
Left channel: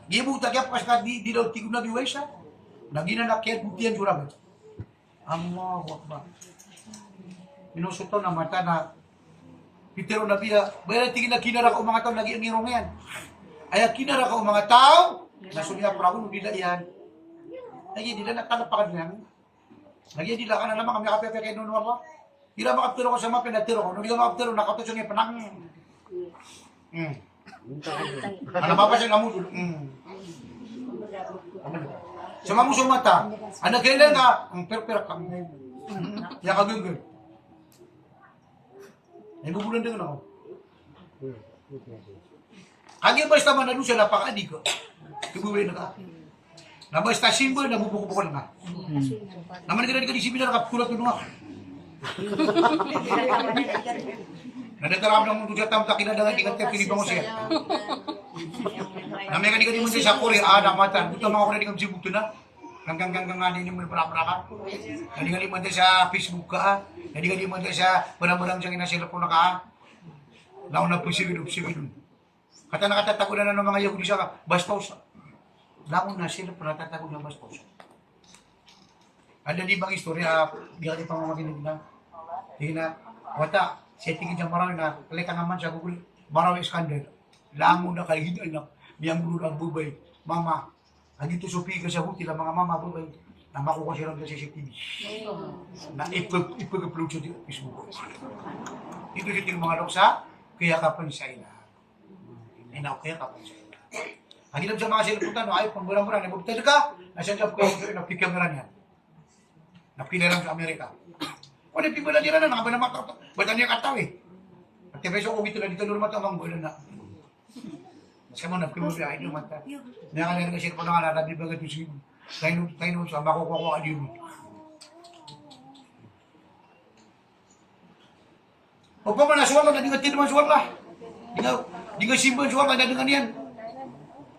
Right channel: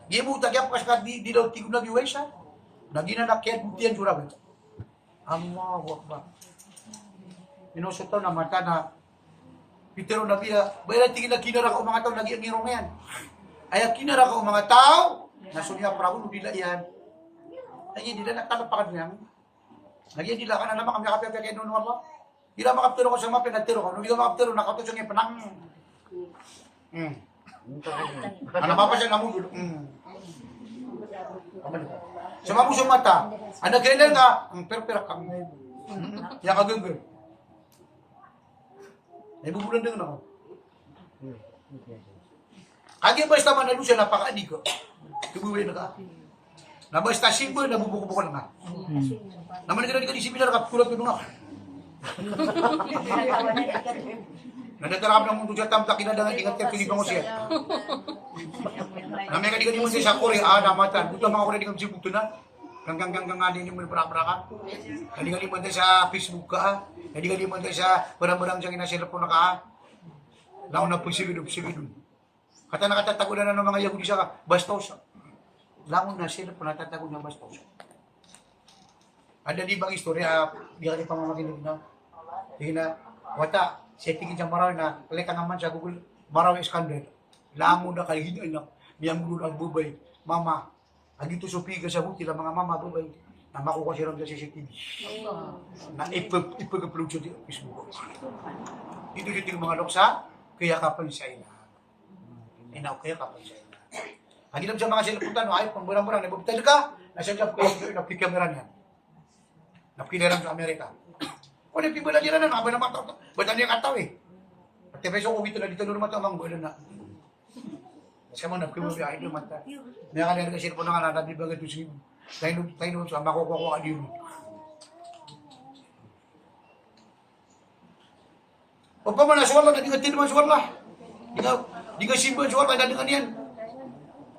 Di mo tagyap kasi ka, di daw tigong na diwa siya. Nagina na kaya butihan siya raket. Allahu Akbar. Minusutaw na mata na Pitero na biya, bayan tingin na kinara ka mga tao, lagi ang irong yan. Ay, kinara ka mga tao, nasunya pragun, nila yan. Lagi, nila natalapakan niyan. Lagi, nila ka na naman kami kapya kaya noon wala. Hira makaptero ko sa mga pinatero ko, nung hindi ka makaptero, nakatosong yung panang. Ano pa pa siya namudul? Sa mga musong mata, ano kailan ka, ang perpera ka. Kaya kagagay. Ay bubulan din ako. Agi basta man ano siya napakaadi ko. Kibuwi na ka. Na basta simba na bubuko na ka. Naman kita di seminar ka kulat ko nga. Nadatarap ng mundo siya tam takin na ingat ka kini bangon siya. Namay ka di mo siya sa Korea ada mata. Buta mga ko na di ka sibuto na. Hanggang ngani mo para ka. Hindi ka di mo sa Facebook ka. Hindi ka di mo sa barang-barang siya kinasilapon na ka. Laon na pusigidum. Kata nakatatago na ng mga Yahudi siya ka. Bastos. Laon na sila po natatago na bastos. Ada di bang istorya, di ka di pamamaginig na. Hindi na, wata, siya tingin siyang marami na, kalika naman sa Google, Baraw Iskander. Laon na kayo hindi anak. Miyang mulo ang bubay. Mama, agito supi ka sa huti ng mga mama bubay. Na makuha siya lang sa CCTV. Na ipag-upload sa Facebook. Ito siya mga loksa, kaya kapan sa ina. Inaw kaya kapan sa ina. Haginap sa mga silaputan, ay pang-burang-burang, nabubutay ka, nasa job ko yung napikamaran yan. Napikilaran sa Amerika. O, napibala nila na, nakaba na mata. Ba't niya kataw eh? At tepeso ko ito na dito normal tamang bola na. Kasi mo napibala, ay di mata. Nakakalera ka sila po na nga, nalabi ba ito siya. Tayo sa makukuha ka dito. O pa man, nasuwala na, di ka tinaman suwala. Di ka simpan suwala, na dengan yan.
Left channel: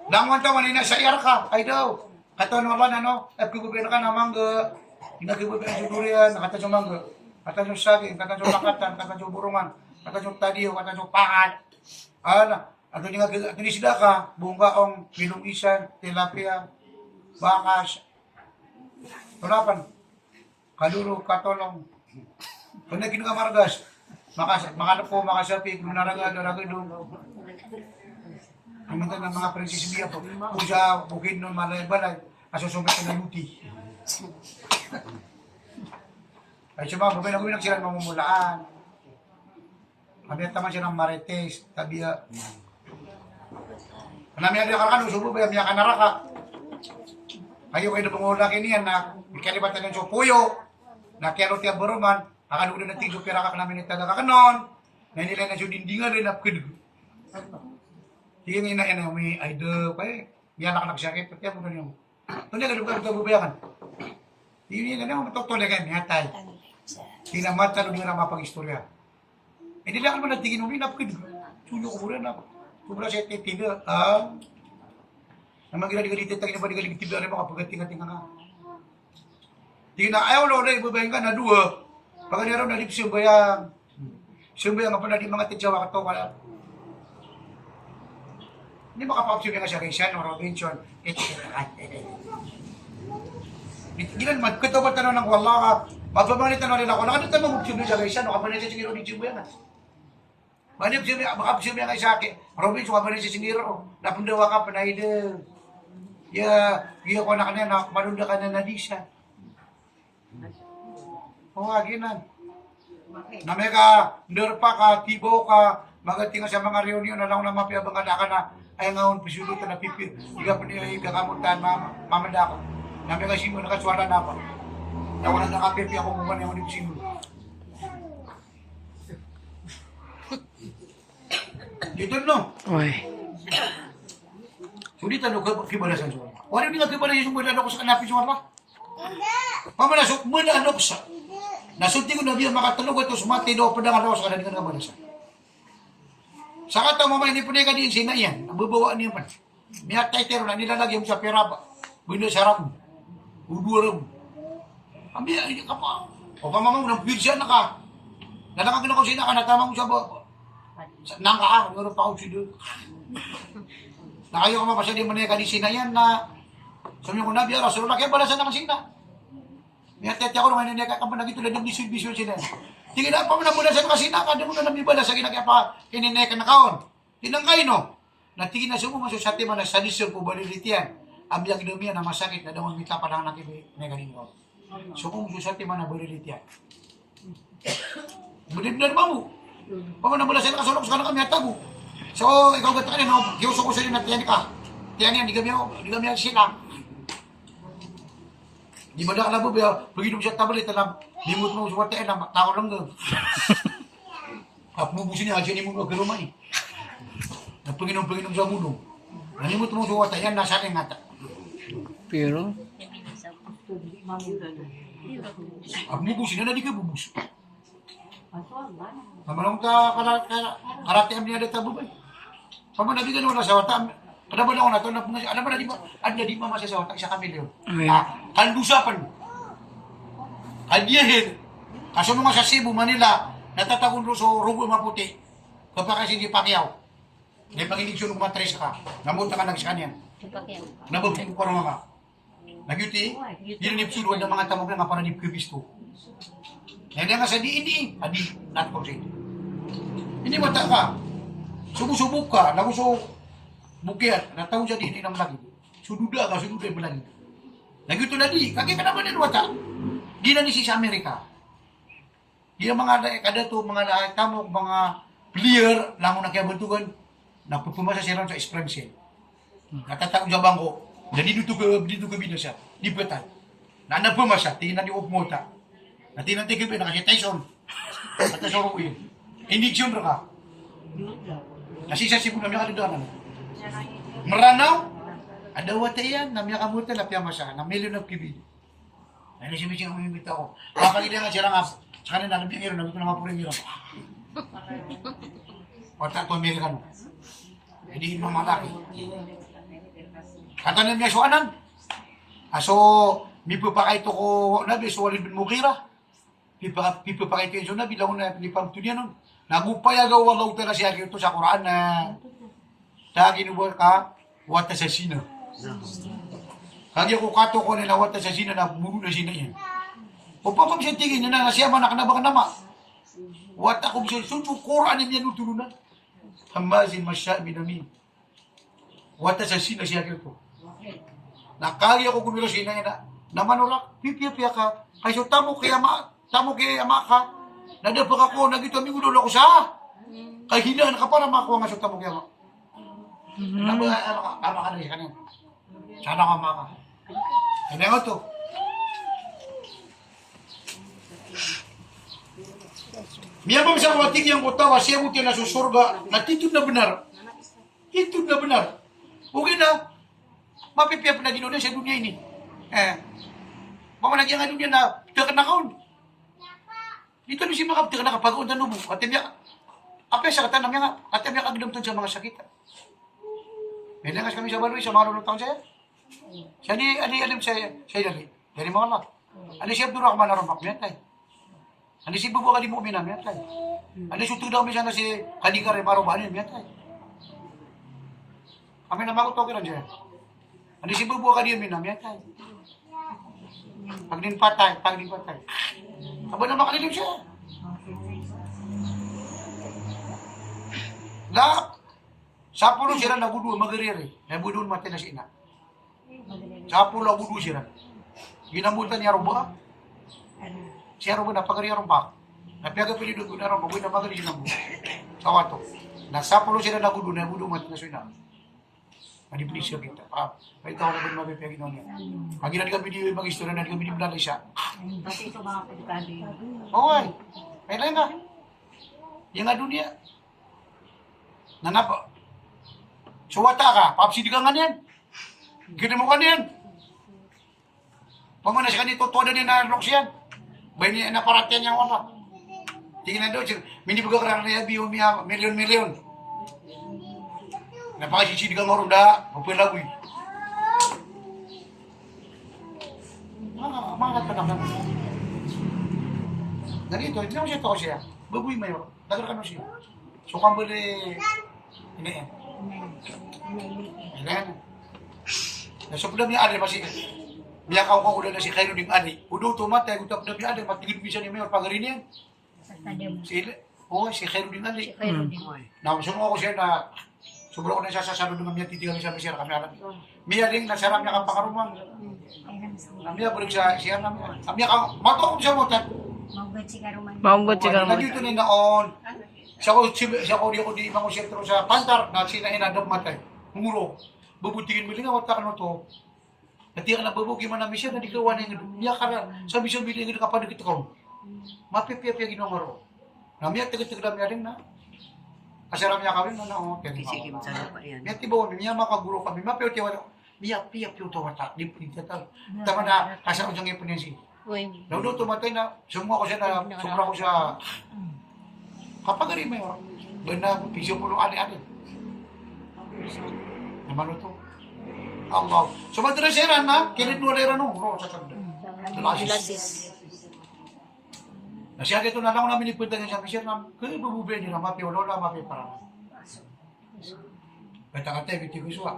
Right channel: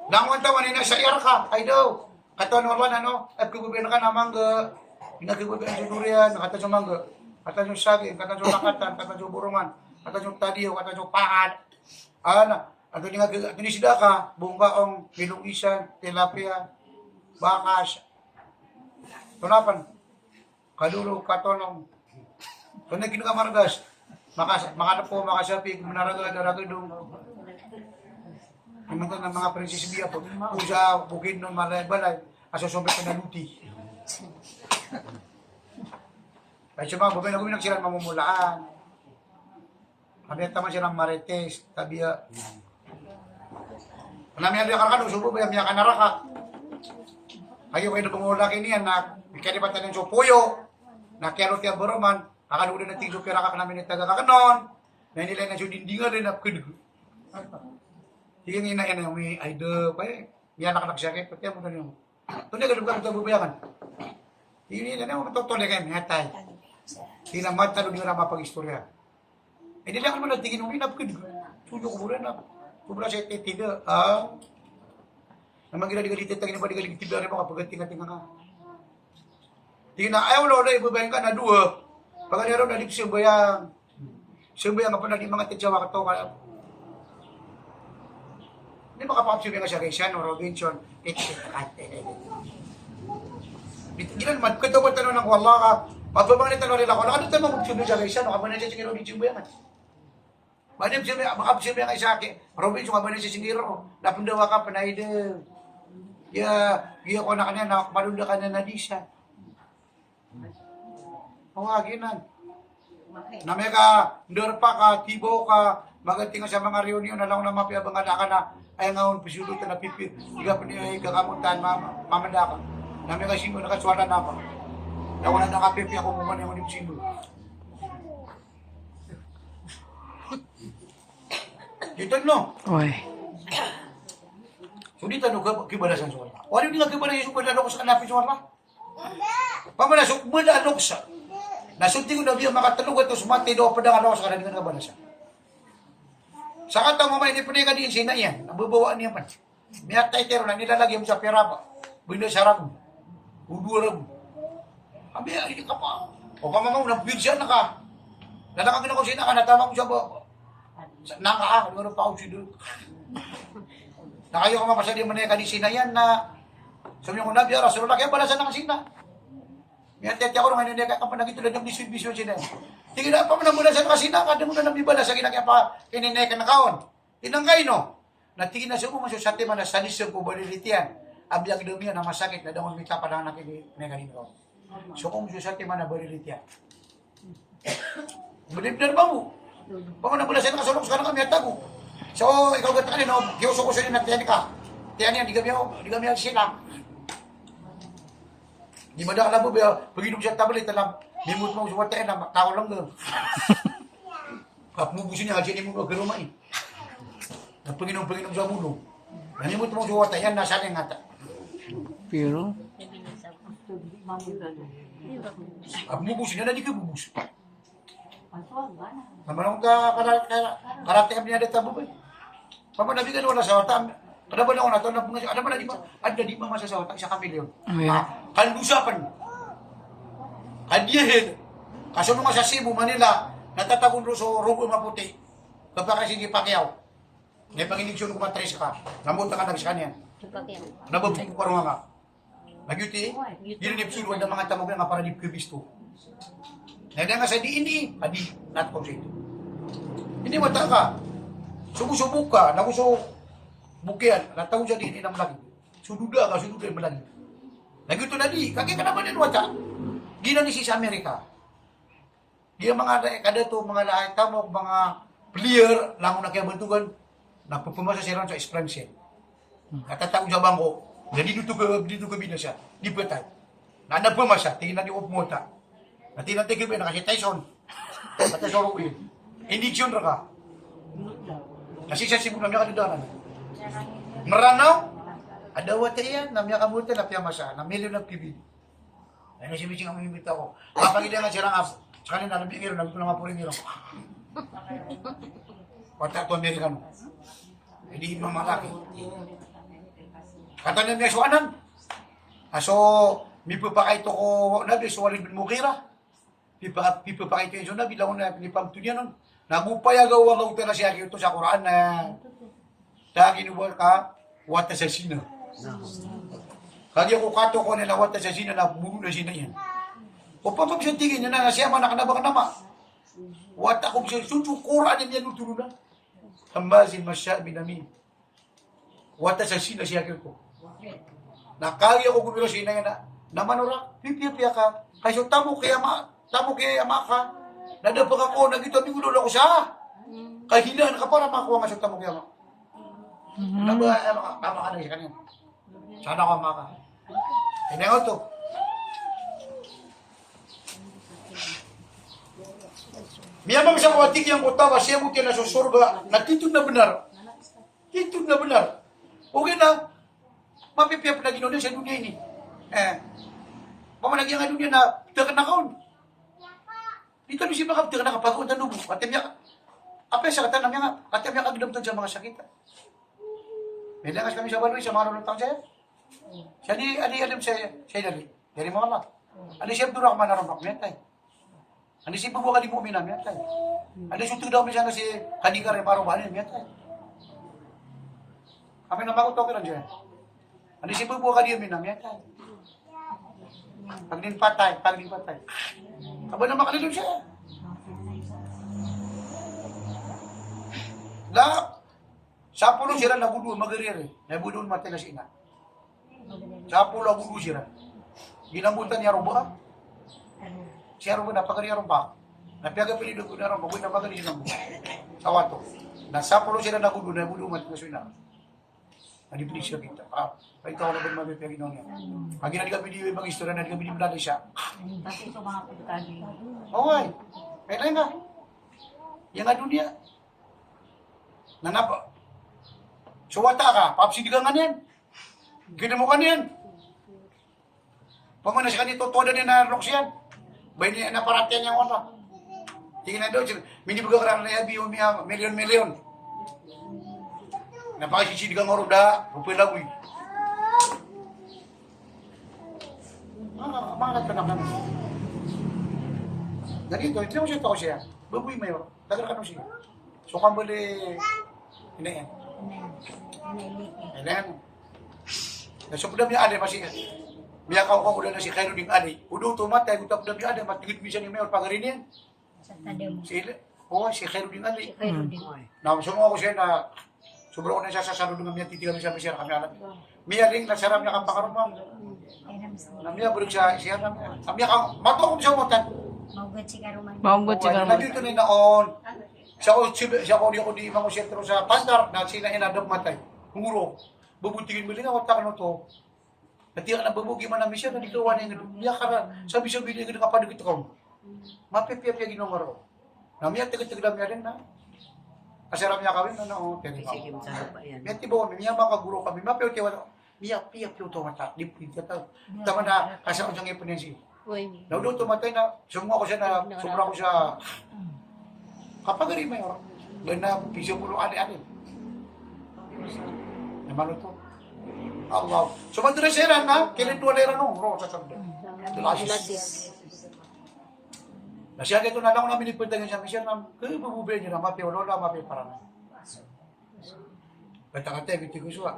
Langon taman, nasa iyar ka, ay daw. Katawan naman, ano, at kububiyan ka namang inakibubiyan sa durian, nakatan sa mangga. Katan yung saging, katan yung pakatan, katan yung burungan, katan yung tadiyo, katan yung pakat. Ano nga, tinisida ka, bunggaong, pilungisan, tilapia, bakas, tunapan, kaluro, katolong, kung na kinakamargas, makanap po, makasapi, manaraga, daragidong, ang mga prinsesibiya po, kung sa bukid ng malay-balay, asusumit na luti. Ay siya mga babay na guminak sila mamumulaan. Kami at taman silang marites, tabiya. Namin na karkan, usubo ba yung kanaraka. Ayaw kayo na pumula kiniyan na ikalibatan ng supuyo, na kero tiya boroman, nakalunan ng tiso kira ka namin itaga kakanon, na nila na siya dindingan rin apkid. Sige nga ina yan, may aido, kaya may anak sakit, pati mo doon yung. Ito niya, ganun ka bubayakan. Hindi nila na, matutulay kayo, may hatay. Sinamata lo nga mapag-istorya. Hindi lang naman natigin ulit na pwede. Suyo ko muna na. Kubra siya titiga. Naman ginaligalit tagin pa digalig tibla rin mga pagkating-ating nga. Di na ayaw lo na ibabayin ka na dua. Pag ano na di siyang Siyang nga pa na di mga titsawa ka to. Hindi makapapsyon nga siya Raysian o Robinson. Ginan man, kito ba tanong ng wala ka, mapabang ni tanong nila ko, nakadito mo magpsyon siya Raysian o kabanan siya siniro ni Jimbo yan. Makapsyon nga sa akin, Robinson kabanan siya siniro, napundawa ka panay de. Giya ko na kanina, malunda ka na nadisa. Ginan. Na may ka, nderpa ka, tibo ka, magating sa mga reunion na lang na mapiabang ka na, ay ngayon, pisulit ka na pipi, higa pa niya ikakamuntahan, mamanda ka. Na may ka sino, nakaswala na pa. Na wala nakapipi ako muna yung ulit sino. Dito no? Oy. Hindi tanong kibalasan sa wala. Wala hindi nga kibalasan sa wala ko sa kanapin sa wala. Pamalasok, manalok sa. Nasunti ko na biya makatalog ito sumati daw pa nga sa kanila nga balasan. Sa kata mo may hindi po na ka din sina yan. Nabubawaan niya man. May atay tero na nilalagay mo sa pirapa. Bino sarap mo. Udura mo. Abi, ay ka pa. O pamamaw, nabigyan na ka. Nalakagin ako sina ka, natama ko siya ba? Nang ka, meron pa ako siya. Nakayo ka mapasali mo na ka din sina yan na sabi ko na biya, rasulullah, kaya balasan na kasina. May atay ako naman, hindi ka pa nagitulad ng bisyo sila. Tingin na pa mo na mula sa kasina, kada mo na nabibala sa ginagaya pa kinineka na kaon. Tinangkay no. Natingin na siya mo, masusati man na sanisyon po balilitian. Abiyang dumiya na masakit na daw mita pa lang nakikinagaling ko. So kung masusati man na balilitian. Malibnan ba mo? Pa mo na mula sa nakasulok sa kami hatago. So ikaw gata kanino, kiuso ko sa inyo na tiyan ka. Tiyan yan, di kami sila. Di ba na alam mo ba, pag-inom siya tablet, alam, limot mo sa wate, alam, tao lang doon. Mubusin niya, siya mo magkaruma eh. Pag-inom sa mundo. Nalimot mo sa wate, yan, nasa ating ngata. Pero? Mubusin niya, na di ka bubus. Namanong ka, karate am niya dito, bubay. Pamanabigan wala sa wata, ada ba na ako na ito? Ada ba na di ba? Ada di pa masasawat isa kami yun. Kandusapan. Kadiyahin. Kaso mga sa Cebu, Manila, natatagon ro sa Rugo Maputi. Kapag kasi di Pacquiao. May panginig-syon kung matres ka. Namunta ka nagsikan yan. Nababing ko parang nga. Nagyuti, dinanipsilo ang mga tamog nga para di kubisto. Nagda nga sa di, adi, not complete. Hindi mata ka. Subusubok ka, nagusok. Bukian, natawag siya din ng lagi. Sududa yung malagi. Nagito na di, kaya ka naman din wata. Ginanisi sa Amerika. Di mga kada to mga lahat tamok, mga player, lang na kaya bantugan, nagpupumasa siya sa Springfield. Natatawag sa bangko, jadi dito ka bila siya, di petan. Nanagpumasa, tingin na ni Opmota. Natinang tigil ba, nakasya Tyson. At sa Rokuin. Hindi siyon ka. Kasi sa Cebu na may kalidanan. Meranaw, ada wate yan, namya kamuta na piyamasa, na milyon na kibid. Ay nasibising ang mimita ko. Kapag nga siya lang ako, sa kanina nabing iro, nabing ko na nga puring iro. Wata ito Amerikan. Hindi ibang malaki. Katanin niya suanan. So, mipo pa kayo ko, nabi, so walin bin mukira. Pipo pa kayo so nabi, lang na pinipagtunyan nun. Nagupayagaw wagaw tala siya ito sa Quran na dahil ginubuhat ka, wata sa sina. Kaya ko kato ko nila wata sa sina na buru na sina yan. O pa siya tingin na siya man nakanabang nama. Wata ko siya, sunod Quran yan nuturunan. Hamazin masya binamin. Wata sa sina siya ko. Nakaya ko kumilo sina yan na manura, pipiya ka. Kasi tamo kaya ama ka. Nadapag ako, nagito, may ulo ko siya. Kaya hinaan ka para makuha nga siya tamo kaya ama. Tama ka na siya kanina. Sana ako maka. Kaya nga ito. Miya mami sa kawatik yang kutawa, siya mo na sa surga, natitod na benar. Titod na benar. Okay na. Mapipiyap na ginoon sa dunia ini. Pamanagyan nga dunia na pitakan na kaon. Dito ni si makapti ka nakapagod na nubo. Katimya, apa sa katan namya nga, katimya kagdamton sa mga sakit. May langas kami sa baloy, sa mga lulutang siya. Siya ni, alim siya dali. Dari mga mak. Ani siya Abdul Rahman Arambak, miyatay. Ani si Bubu Kali Mu'min, miyatay. Ani sutu daw miya na si Kanikare Marobanin, miyatay. Kami na makutokiran siya. Ani si Bubu Kali Mu'min, miyatay. Pagdin patay. Aba na makalilim siya. Na, sa pulo sila nabudu, magariri. Nabudu mati na si ina. Sa pulo nabudu sila. Ginamutan niya rumba. Siya rumba napagari rumba. Napiaga pili doon na rumba. Buwi napagari siya rumba. Tawato. Nasa pulo sila nabudu mati na si ina. Manipuli siya kita. Pahit ako na ba mabipiyagin niya. Pag kami di mag-istorya na kami di blalay siya. Kasi ito mga pedikado yun. Oo ay. May lain ka. Yang nga dunia. Nanapa. Suwata ka. Papsidigan nga niyan. Gina mo ka niyan. Pamana siya kanito. Tuwa na niya na loks yan. Bayi niya na paratian niya wala. Tingnan daw. Mindi pagkakarang na yabi. Milyon. Napakasisidigan nga rin da. Pupilagoy. Mga tanangan. Ganito, hindi mo siya ito siya. Babuy mayor. Dagar ka no siya. So kambali, inayan. Inayan. Nasupdam niya ade, masih miyakaw ko ulan na si Cairo ding ade. Udo tumatay, utapdam niya ade, matigid bisa ni mayor pagarin yan. Si Cairo ding ade. Nasunod ako siya na sobrang ko na siya sasalo ng miya titigan siya misya kami alam. Miya ding nasaram niya kang pakaruman. Namia balik siya namia. Namia ka matokong siya motan. Maugat si Karuman. Maugot siya Na dito ni naon. Siya ko di mango siya sa kantar na sila inadap matay. Muro. Bubutingin mo linga watakan mo to. Nati ka na bubugi man namin siya na di kawan ng niya kara sabi din ka kapadagit ko. Mapipiya ginongoro. Namia taga-taga niya rin na. Asaram niya kawin na no. Kisikim sa lupa yan. Miya tibaw miya makaguro kami. Mapiyo tiwa. Miya piyo to wata. Di tayo. Tama na asa ko sang ipon yan si. Naudo tumatay na sumwa ko siya na sobra ko siya. Kapagari mo yun. Doon na pisyo pulo ani-ani. Naman ito. Allah. Sumadra siya na. Kilid mo lera no. Ro sa sabda. Dalasis. Nasya ito na lang ko namin ipunta niya sa misyon na kaya bububay niyo na mapi o lola mapi para na. Kata-kata yung ko suwa.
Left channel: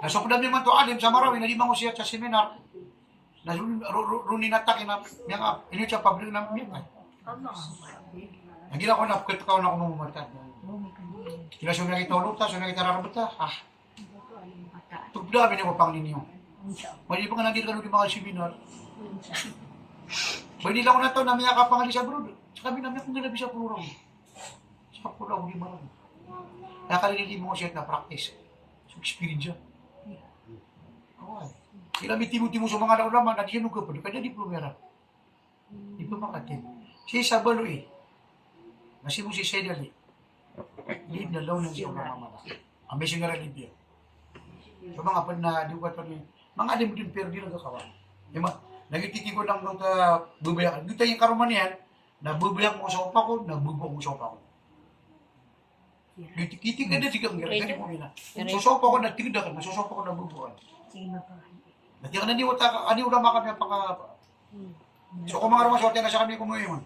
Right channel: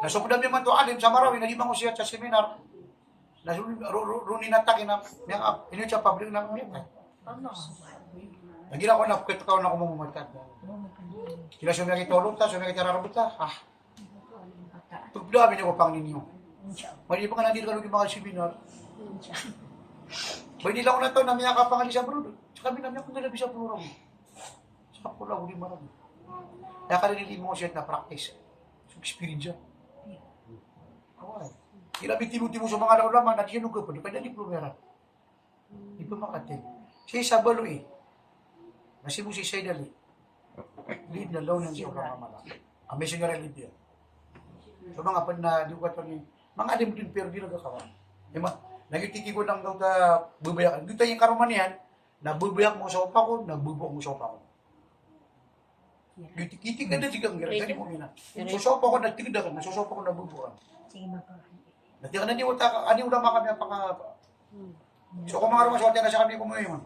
Nasukdam niya man to alim sa Marawi. Nagimang ko siya sa seminar. Runin atakin na inyo siya public na miyan. Nagila ko na, kaya ko na ako mamumatan. Kila siya may kitulog ta, siya may kitararabot ta. Tugda, binako pang ninyo. Mali pa nga nandito ka ng mga seminar. May nila ko na ito, namiya ka pangali siya bro. Kami namiya kung nalabi siya puro. Sa pula, huli marami. Kaya kalinili mo ko siya na practice. So, experience siya. Kila timo sa mga laman, nadiyan ko pa, kaya diplomera. Di pa makatin. Siya sa baloy. Nasi mo si Saydali. Lead na law ng siyang mamamala. Ang missionary Libya. So mga pan na di ko ito ni, mga alim din pero di nagkakawan. Nagitiki ko ng bubayak. Dito yung karuman yan, nabubayak mo sa upa ko, nabubuak mo sa upa ko. Gitik ka na sigang gira, gani mo yun na. Susopa ko, nagtigda ka na, susopa ko, nabubuan. Nati ka na di wata, ani ulama kami ang paka... So kung mga rumaswerte na siya kami kumuhi mo.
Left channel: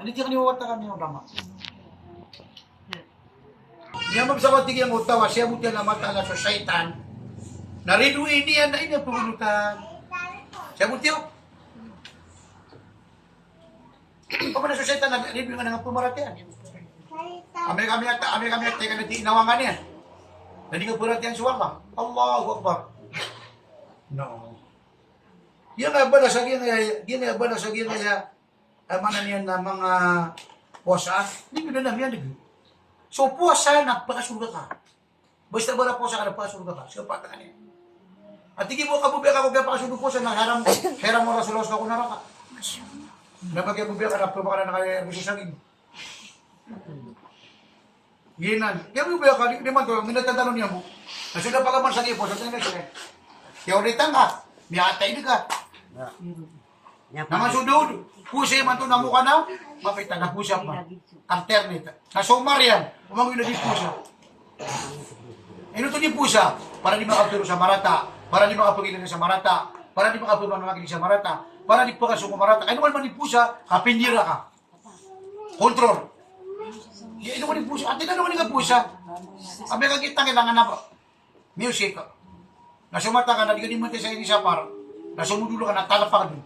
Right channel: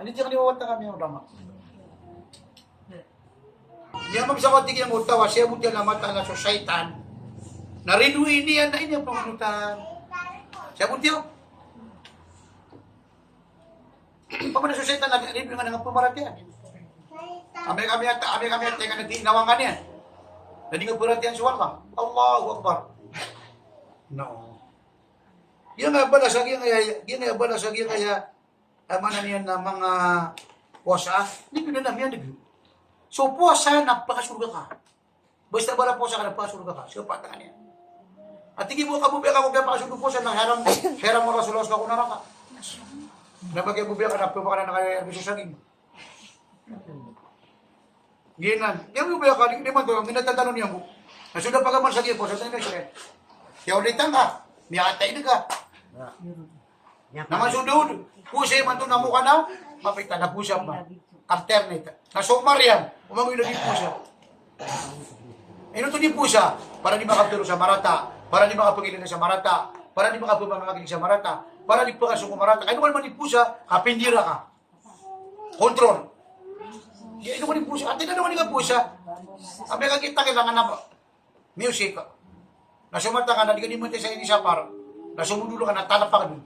Ani di ka ni wata kami ang ulama. Niya magsakot tigil ang utawa, siya buti ang mata na sa syaitan. Narinuin niya na inyong pangulutan. Siya buti ako. Pag na sa syaitan, narinuin nga nga pumaratihan. Kami at teka na di inawangan yan. Nadi nga pumaratihan suwa ka. Allahu Akbar. No. Yan nga bala sa kaya amanan niyan na mga puasa. Hindi ko na namin yan. So puasa, nagpakasurga ka. Basta bala puasa ka, nagpakasurga ka. So patakan yan. At tingin mo kabubya ka kung napakasurga puasa na heram mo rasulos ka kung naraka. Napagay bubya ka, napagay ka na nakaya-resusagin. Ginan. Kaya bubya ka, di man doon, minatatanong niya mo. Nasuda pa kaman sa kipo, sa tingin siya. Kaya ulitan ka, may atay ka. Naman sudod, pusay man ito na mukha na, mapita na pusap man. Alternate. Sa sumar yan, umangoy na di pusa. Ino to di pusa, para di makapiro sa marata, para di makapagilin sa marata, para di makapagmamagiling sa marata, para di pakasuko marata. Kaya naman di pusa, kapinjira ka. Kontrol. Ino ko di pusa, atin na naman di pusa. Sabi ka kita kailangan na music. Nasumata ka na, di ka di mo sa inisa para. Nasumudulo ka na, talapa ka dun.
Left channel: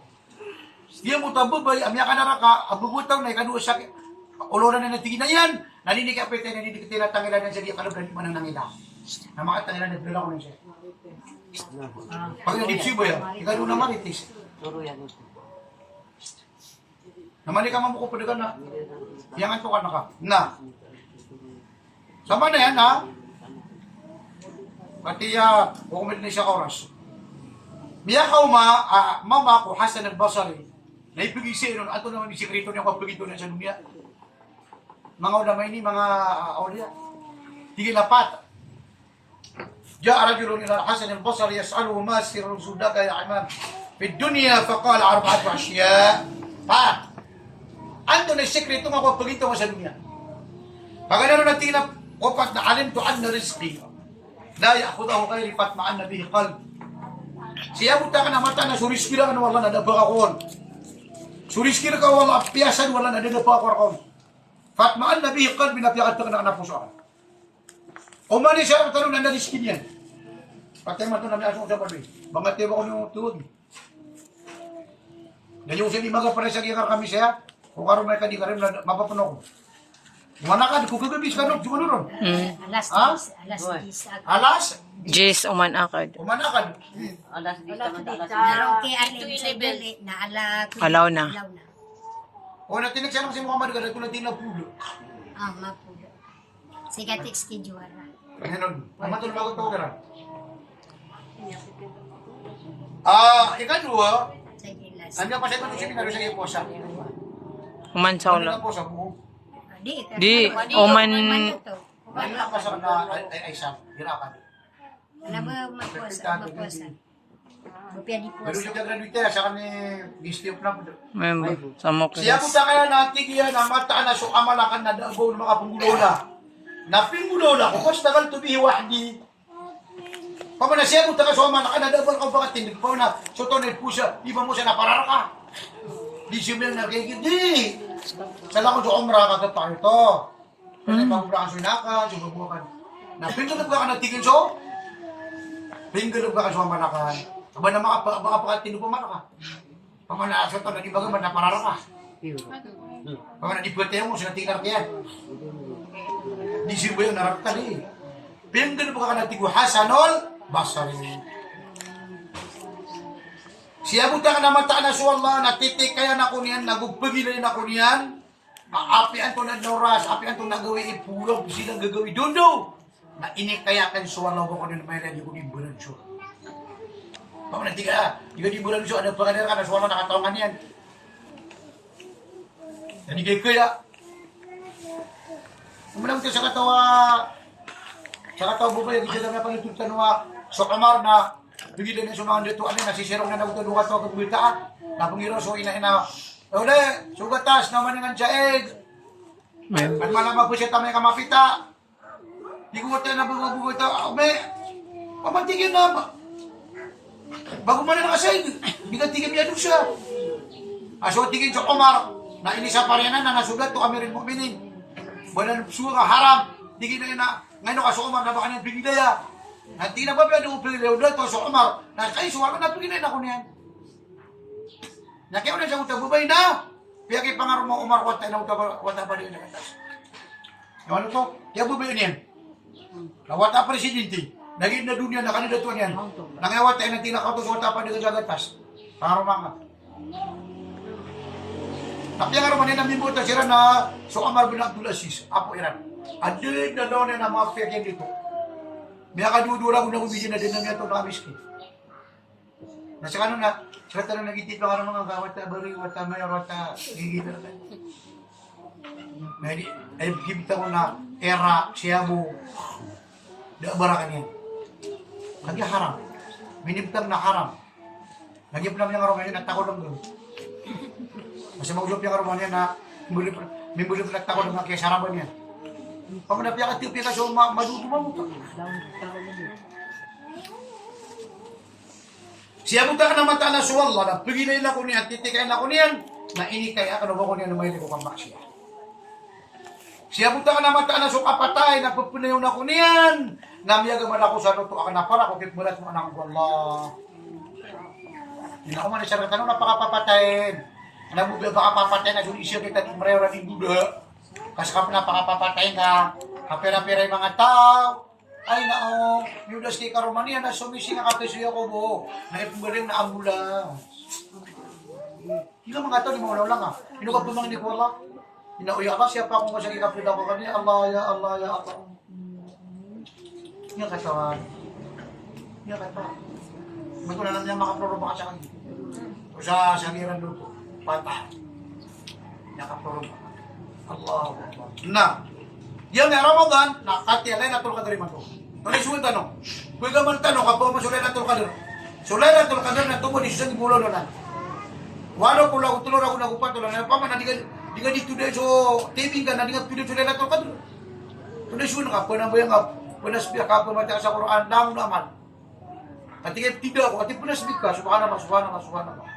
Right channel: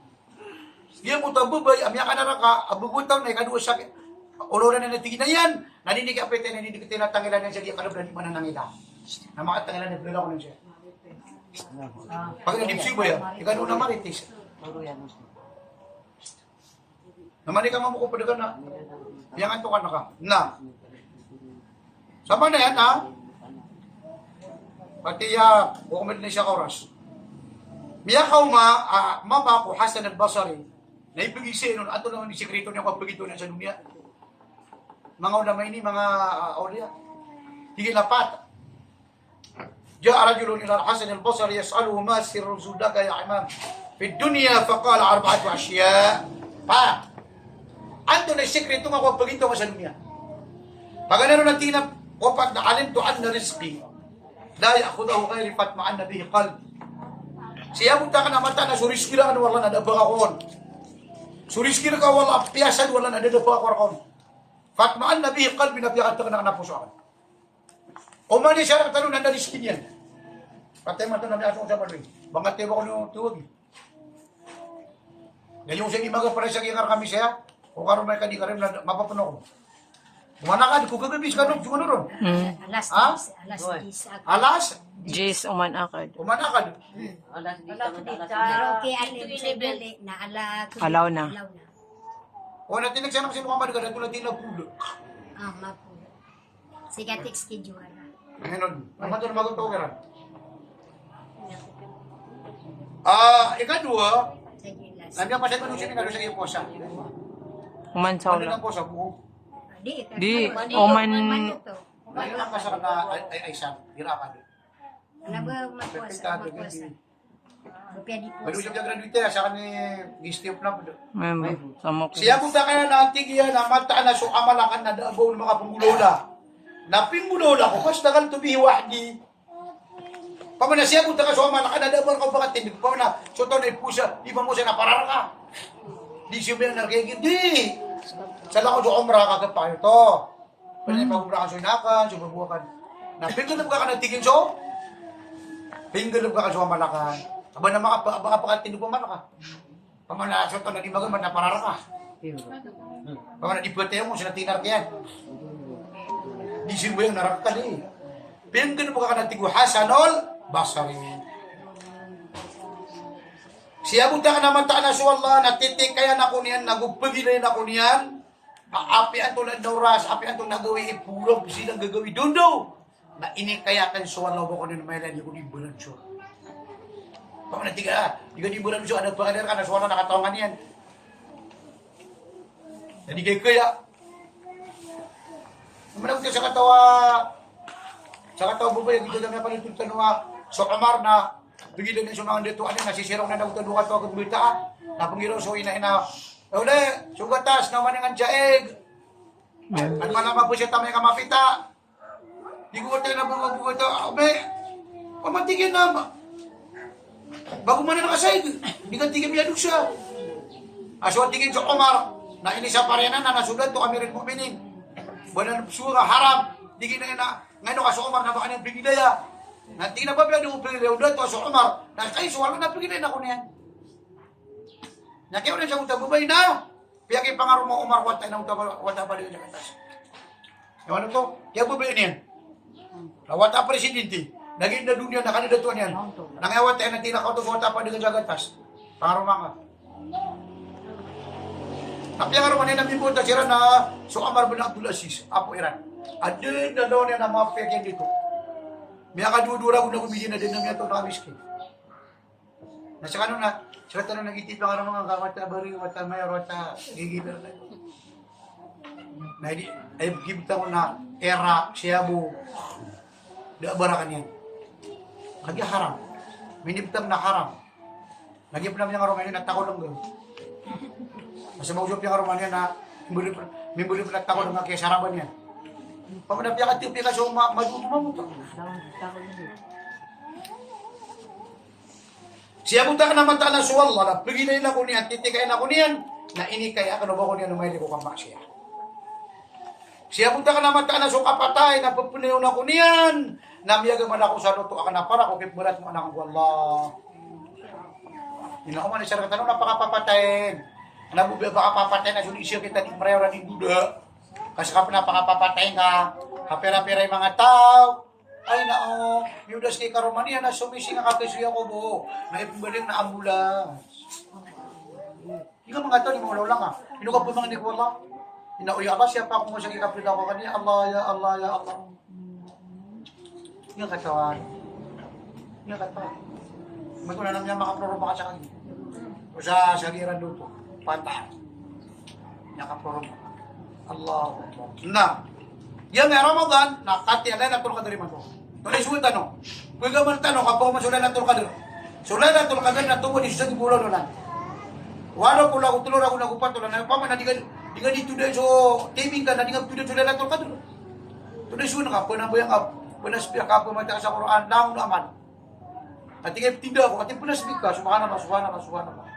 Diya mo tababay, amya ka na raka, abugutaw na, ikadua sa oloran na natigin na yan. Naninig ka pwede, naninig ka tinatangilan yan sa diya kalabran, di man nangida. Na makatangilan, naglala ko lang siya. Pag nalipsi ba yan, ikadua na maritis. Namali ka mamuko pa ka na. Iyangan to ka na ka. Na. Sama na yan, ha? Pati, kukumit na siya ka oras. Miyakaw mama ko, Hasan al-Basri, na ipag-isip nun, ato naman yung sikreto niya kapagito na sa dunia. Mga ulamay ni, mga awliya. Tigil na pata. Ja'a rajulun ila Hasan al-Basri, yas'aluhu ma sirrun sudaka ya imam. Fi dunya, faqala arba'atu asya. Pa, ando na sikreto nga kapagito nga sa dunia. Pag ano na tinap, opat na alim to an na rizki. La ya'khudahu ghayri fatma'an na bihi qalb. Siya punta ka na mata na suriski lang wala na dabak ako. Suriski na ka wala piyasan wala na dabak ako. Fatmaan na bihi qalbi na piyakat ka na puso ako. Umani siya ang tanong na nariski niyan. Patay man ito na may asong sa panoy. Bangat tiyo ko yung tuwag. Ngayon siya di maga pare sa kikar kami siya. Kung karoon may kadi ka rin mapapuno ko. Umana ka, kung kagabis ka ron, siguro ron. Alas Ha? 10. Alas? Jis, umanakad. Umanakad. Alas di ka man alas. Pero kay alin sa dili na Alaw na. O natinig siya ng si Muhammad ka, natulad din na pulo. Mapulo. Sige, schedule. Ngayon, naman ito na magutong ka rin. Ikadua, Sige, last. hanggang pa siya siya pinalo sa iyo po siya. Umansaw Ano lang. lang po sa buo? Di, oman, Ano lang pa sa na ay sa hirapan. Ano ba magpuasa? Bupya di Pero puasa. siya graduate sa kani gistip na po. member, sa mo Siya po na kaya natigyan na mata na so amalakan na daagaw ng mga punggulola. Na pinggulola ko mas dagal tubihi wahdi. Pamana siya po ka so amalakan na daagaw ka pagkatindig pa na so to ni pusa, di ba mo siya naparara ka? Di siya ba nagigit di. Sa lang ko sa umrah kagad pa ito. Kaya pa umrah ka so inakan, sumabukan. Na pinggulog ka natigyan so. Pinggulog ka so amalakan. Aba na makapakatino pa man ka. Pamana so to na di baga man naparara ka. Pamana di pwede mo sila tingkar yan. Di siya ba yung naraktan eh. Pinggulog ka natigwa Hasanul Basri. Siya punta ka na mata na so Allah, natitik kaya na ko niyan, nagugpagilan na ko niyan. Apian to na oras, apian to nagawin ipulog, silang gagawin doon daw. Na inik kaya kan so Allah ko na may lang yung ibulan so. Pag natiga, di ka ibulan so, ano pa ka na so Allah nakatawan yan. Hindi kayo kaya. Umalam ka sa katawa bubay, hindi lang na palitong tanong so Omar na, bigilan niya sumangan dito, nasisirong na nagtulungan ito ang kumita, napangiro so ina-ina, ule, sugatas, naman nga siya at malama po siya tamay kamapita, di ko tayo na bumabugot ito, pamantigin na, bago man na nakasay, di ka tigil niya doon siya. Aso tigil sa Omar, na inisa pa rin na nasugat, to kami rin puminin, buwan na suga, haram, tigil na ina, ngayon ka sa Omar, na baka niyang bigilaya, nanti na ba pala doon pagiliw doon to sa Omar, na kayo suwala na pagilay na ko niyan. Nakiyaw na siya utabubay na, kaya kay pangaro mo Omar, wata na wata pa rin na katas. Ano to? Kaya bubay niyan. Wata presidente, naging na dunia na kanila to niyan. Nangayawat tayo na tinakaw to sa wata pa rin na katas. Pangaro mga. Tapi ang araw niya namimuta sila na so Omar bin Abdul Aziz, Apo Iran. Adin na daw niya na mga piyagyan dito. May akadudura ko na kumigin na din ng ito na kamiskin. Nasa kanong na, sila talang nag-itip ang araw mga wata bari, wata mayor, wata gigita na tayo. Ay gibita ko na era, siyabu, daabara kanya. Lagi haram. Minibtam na haram. Lagi pa naman yung araw ngayon, natakot lang doon. Kasi mausap yung karuman yan na mimbuli pa nagtako ng mga kisaraban yan. Pamanapya ka tiyo, pika so maduduman mo ka. Siya mo ka naman na sa Allah, na pagilay na ko niyan, titikayin na ko niyan, na inikay ako na ba ko niyan, may ko kambak siya. Siya mo ka naman na sa kapatay, na pagpunayon na ko niyan, na miyagaman ako sa nuto, ako na para, kung kitmulat mo anak ko Allah. Hindi na ko man na siya tanong, napakapapatayin. Alam mo ba, baka papatayin na siya kita di marewa ng Buddha. Kasi kapag napakapapatayin ka, kapira-pira yung mga tao, ay nao, Yudas kay Karomania na sumisi na kapisuya ko buo, na ipugaling na ambulans. Hindi ka mga ito, ni mga lang ha. Hindi ka po mga hindi ko wala. Inauya ka, siya pa kung masagay kapita ko kanina, Allah, ya Allah, ya Allah. Hindi ka katawan. Hindi ka katawan. May ko na lang niya makaproroba ka sa kanya. O sa sagiran doon po, patay. Nakaproroba. Allah. Na, yan may Ramadan, nakati alay natul kadri man to. Tuloy suwi tanong. Kung gaman tanong, kapag masulay natul kadri. Sulay natul kadri na tumo di sa gulo na. Walo pula ko tulor ako nagupat tulan na pa man di ka dito dahil so taping ka na di ka tuloy sulay natul kadri. Tuloy suwi na ka, panambayang ka, panasbiya ka, pamata sa Quran, naman naman. At tidak ako, at panasbik ka, subhanallah.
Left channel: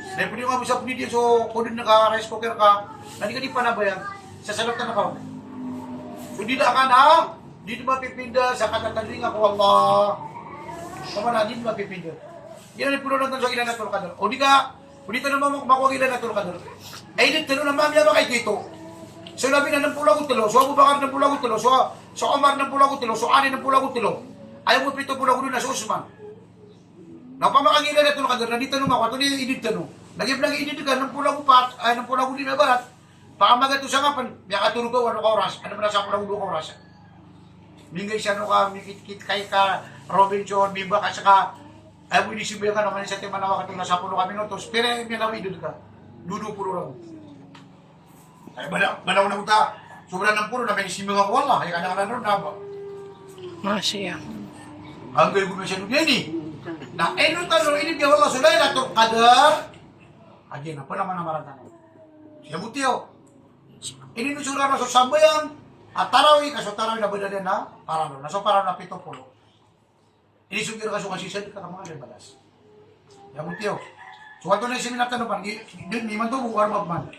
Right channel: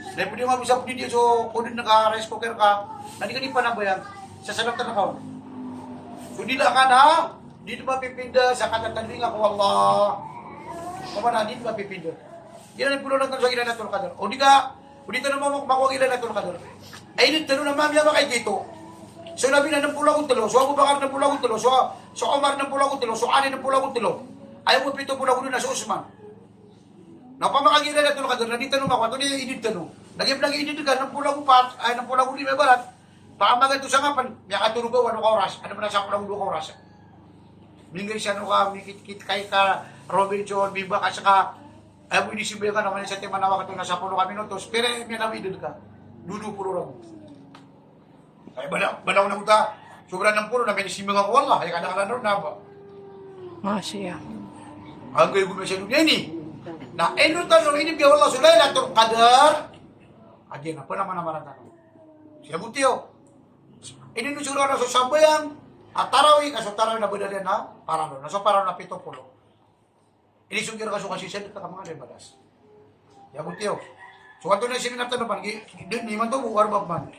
Dahil pwede nga bisa pwede so kung din naka-rice cooker ka, na di ka di panabayan, sa salap na ka. So di na ka na, dito mapipinda sa katatanding ako, Allah. Kaman na, dito mapipinda. Di na puno lang sa ilan na tulog ka doon. O di ka, o dito naman makuha ilan na tulog ka doon. Ay, dito na naman niya makay dito. So labi na ng pula ko tulo, so Abu Bakar ng pula ko tulo, so Omar ng pula ko tulo, so Ali ng pula ko tulo. Ayaw mo pito pula ko doon na sa Usman. Napamakagila na tulog ka doon, nandito naman ako, ito niya init ka no. Lagi init ka, ng pula ko pa, ay ng pula ko din na barat. Paamagat to sa kapan, may katulog ka, ano ka oras, ano mo na sa pula ko 2 oras. Bingay siya no ka, mikit-kit kay ka, Robinson, Bimba, kasi ka, ay mo inisibaya ka naman sa Timanawa ka ito, nasa pulo kami notos, pero may nawidod ka, dudu puro lang. Ay, balaw na kita, sobrang ng puro, na may inisibaya ka, wala, ay kadang-kadang na ba? Masya. Ang gaya guna siya nung yan eh. Na eno tanong ini kaya wala sulay na to kadar. Aja na pala mana marang tanong. Siya butiyo. Ini no sura so sambayang atarawi kaso tarawi na badalian na parano. Naso parano na 70. Ini sugiro kaso kasi siya ka mga badas. Ya butiyo. So ato na sini na tanong pan di man to buwar mabman.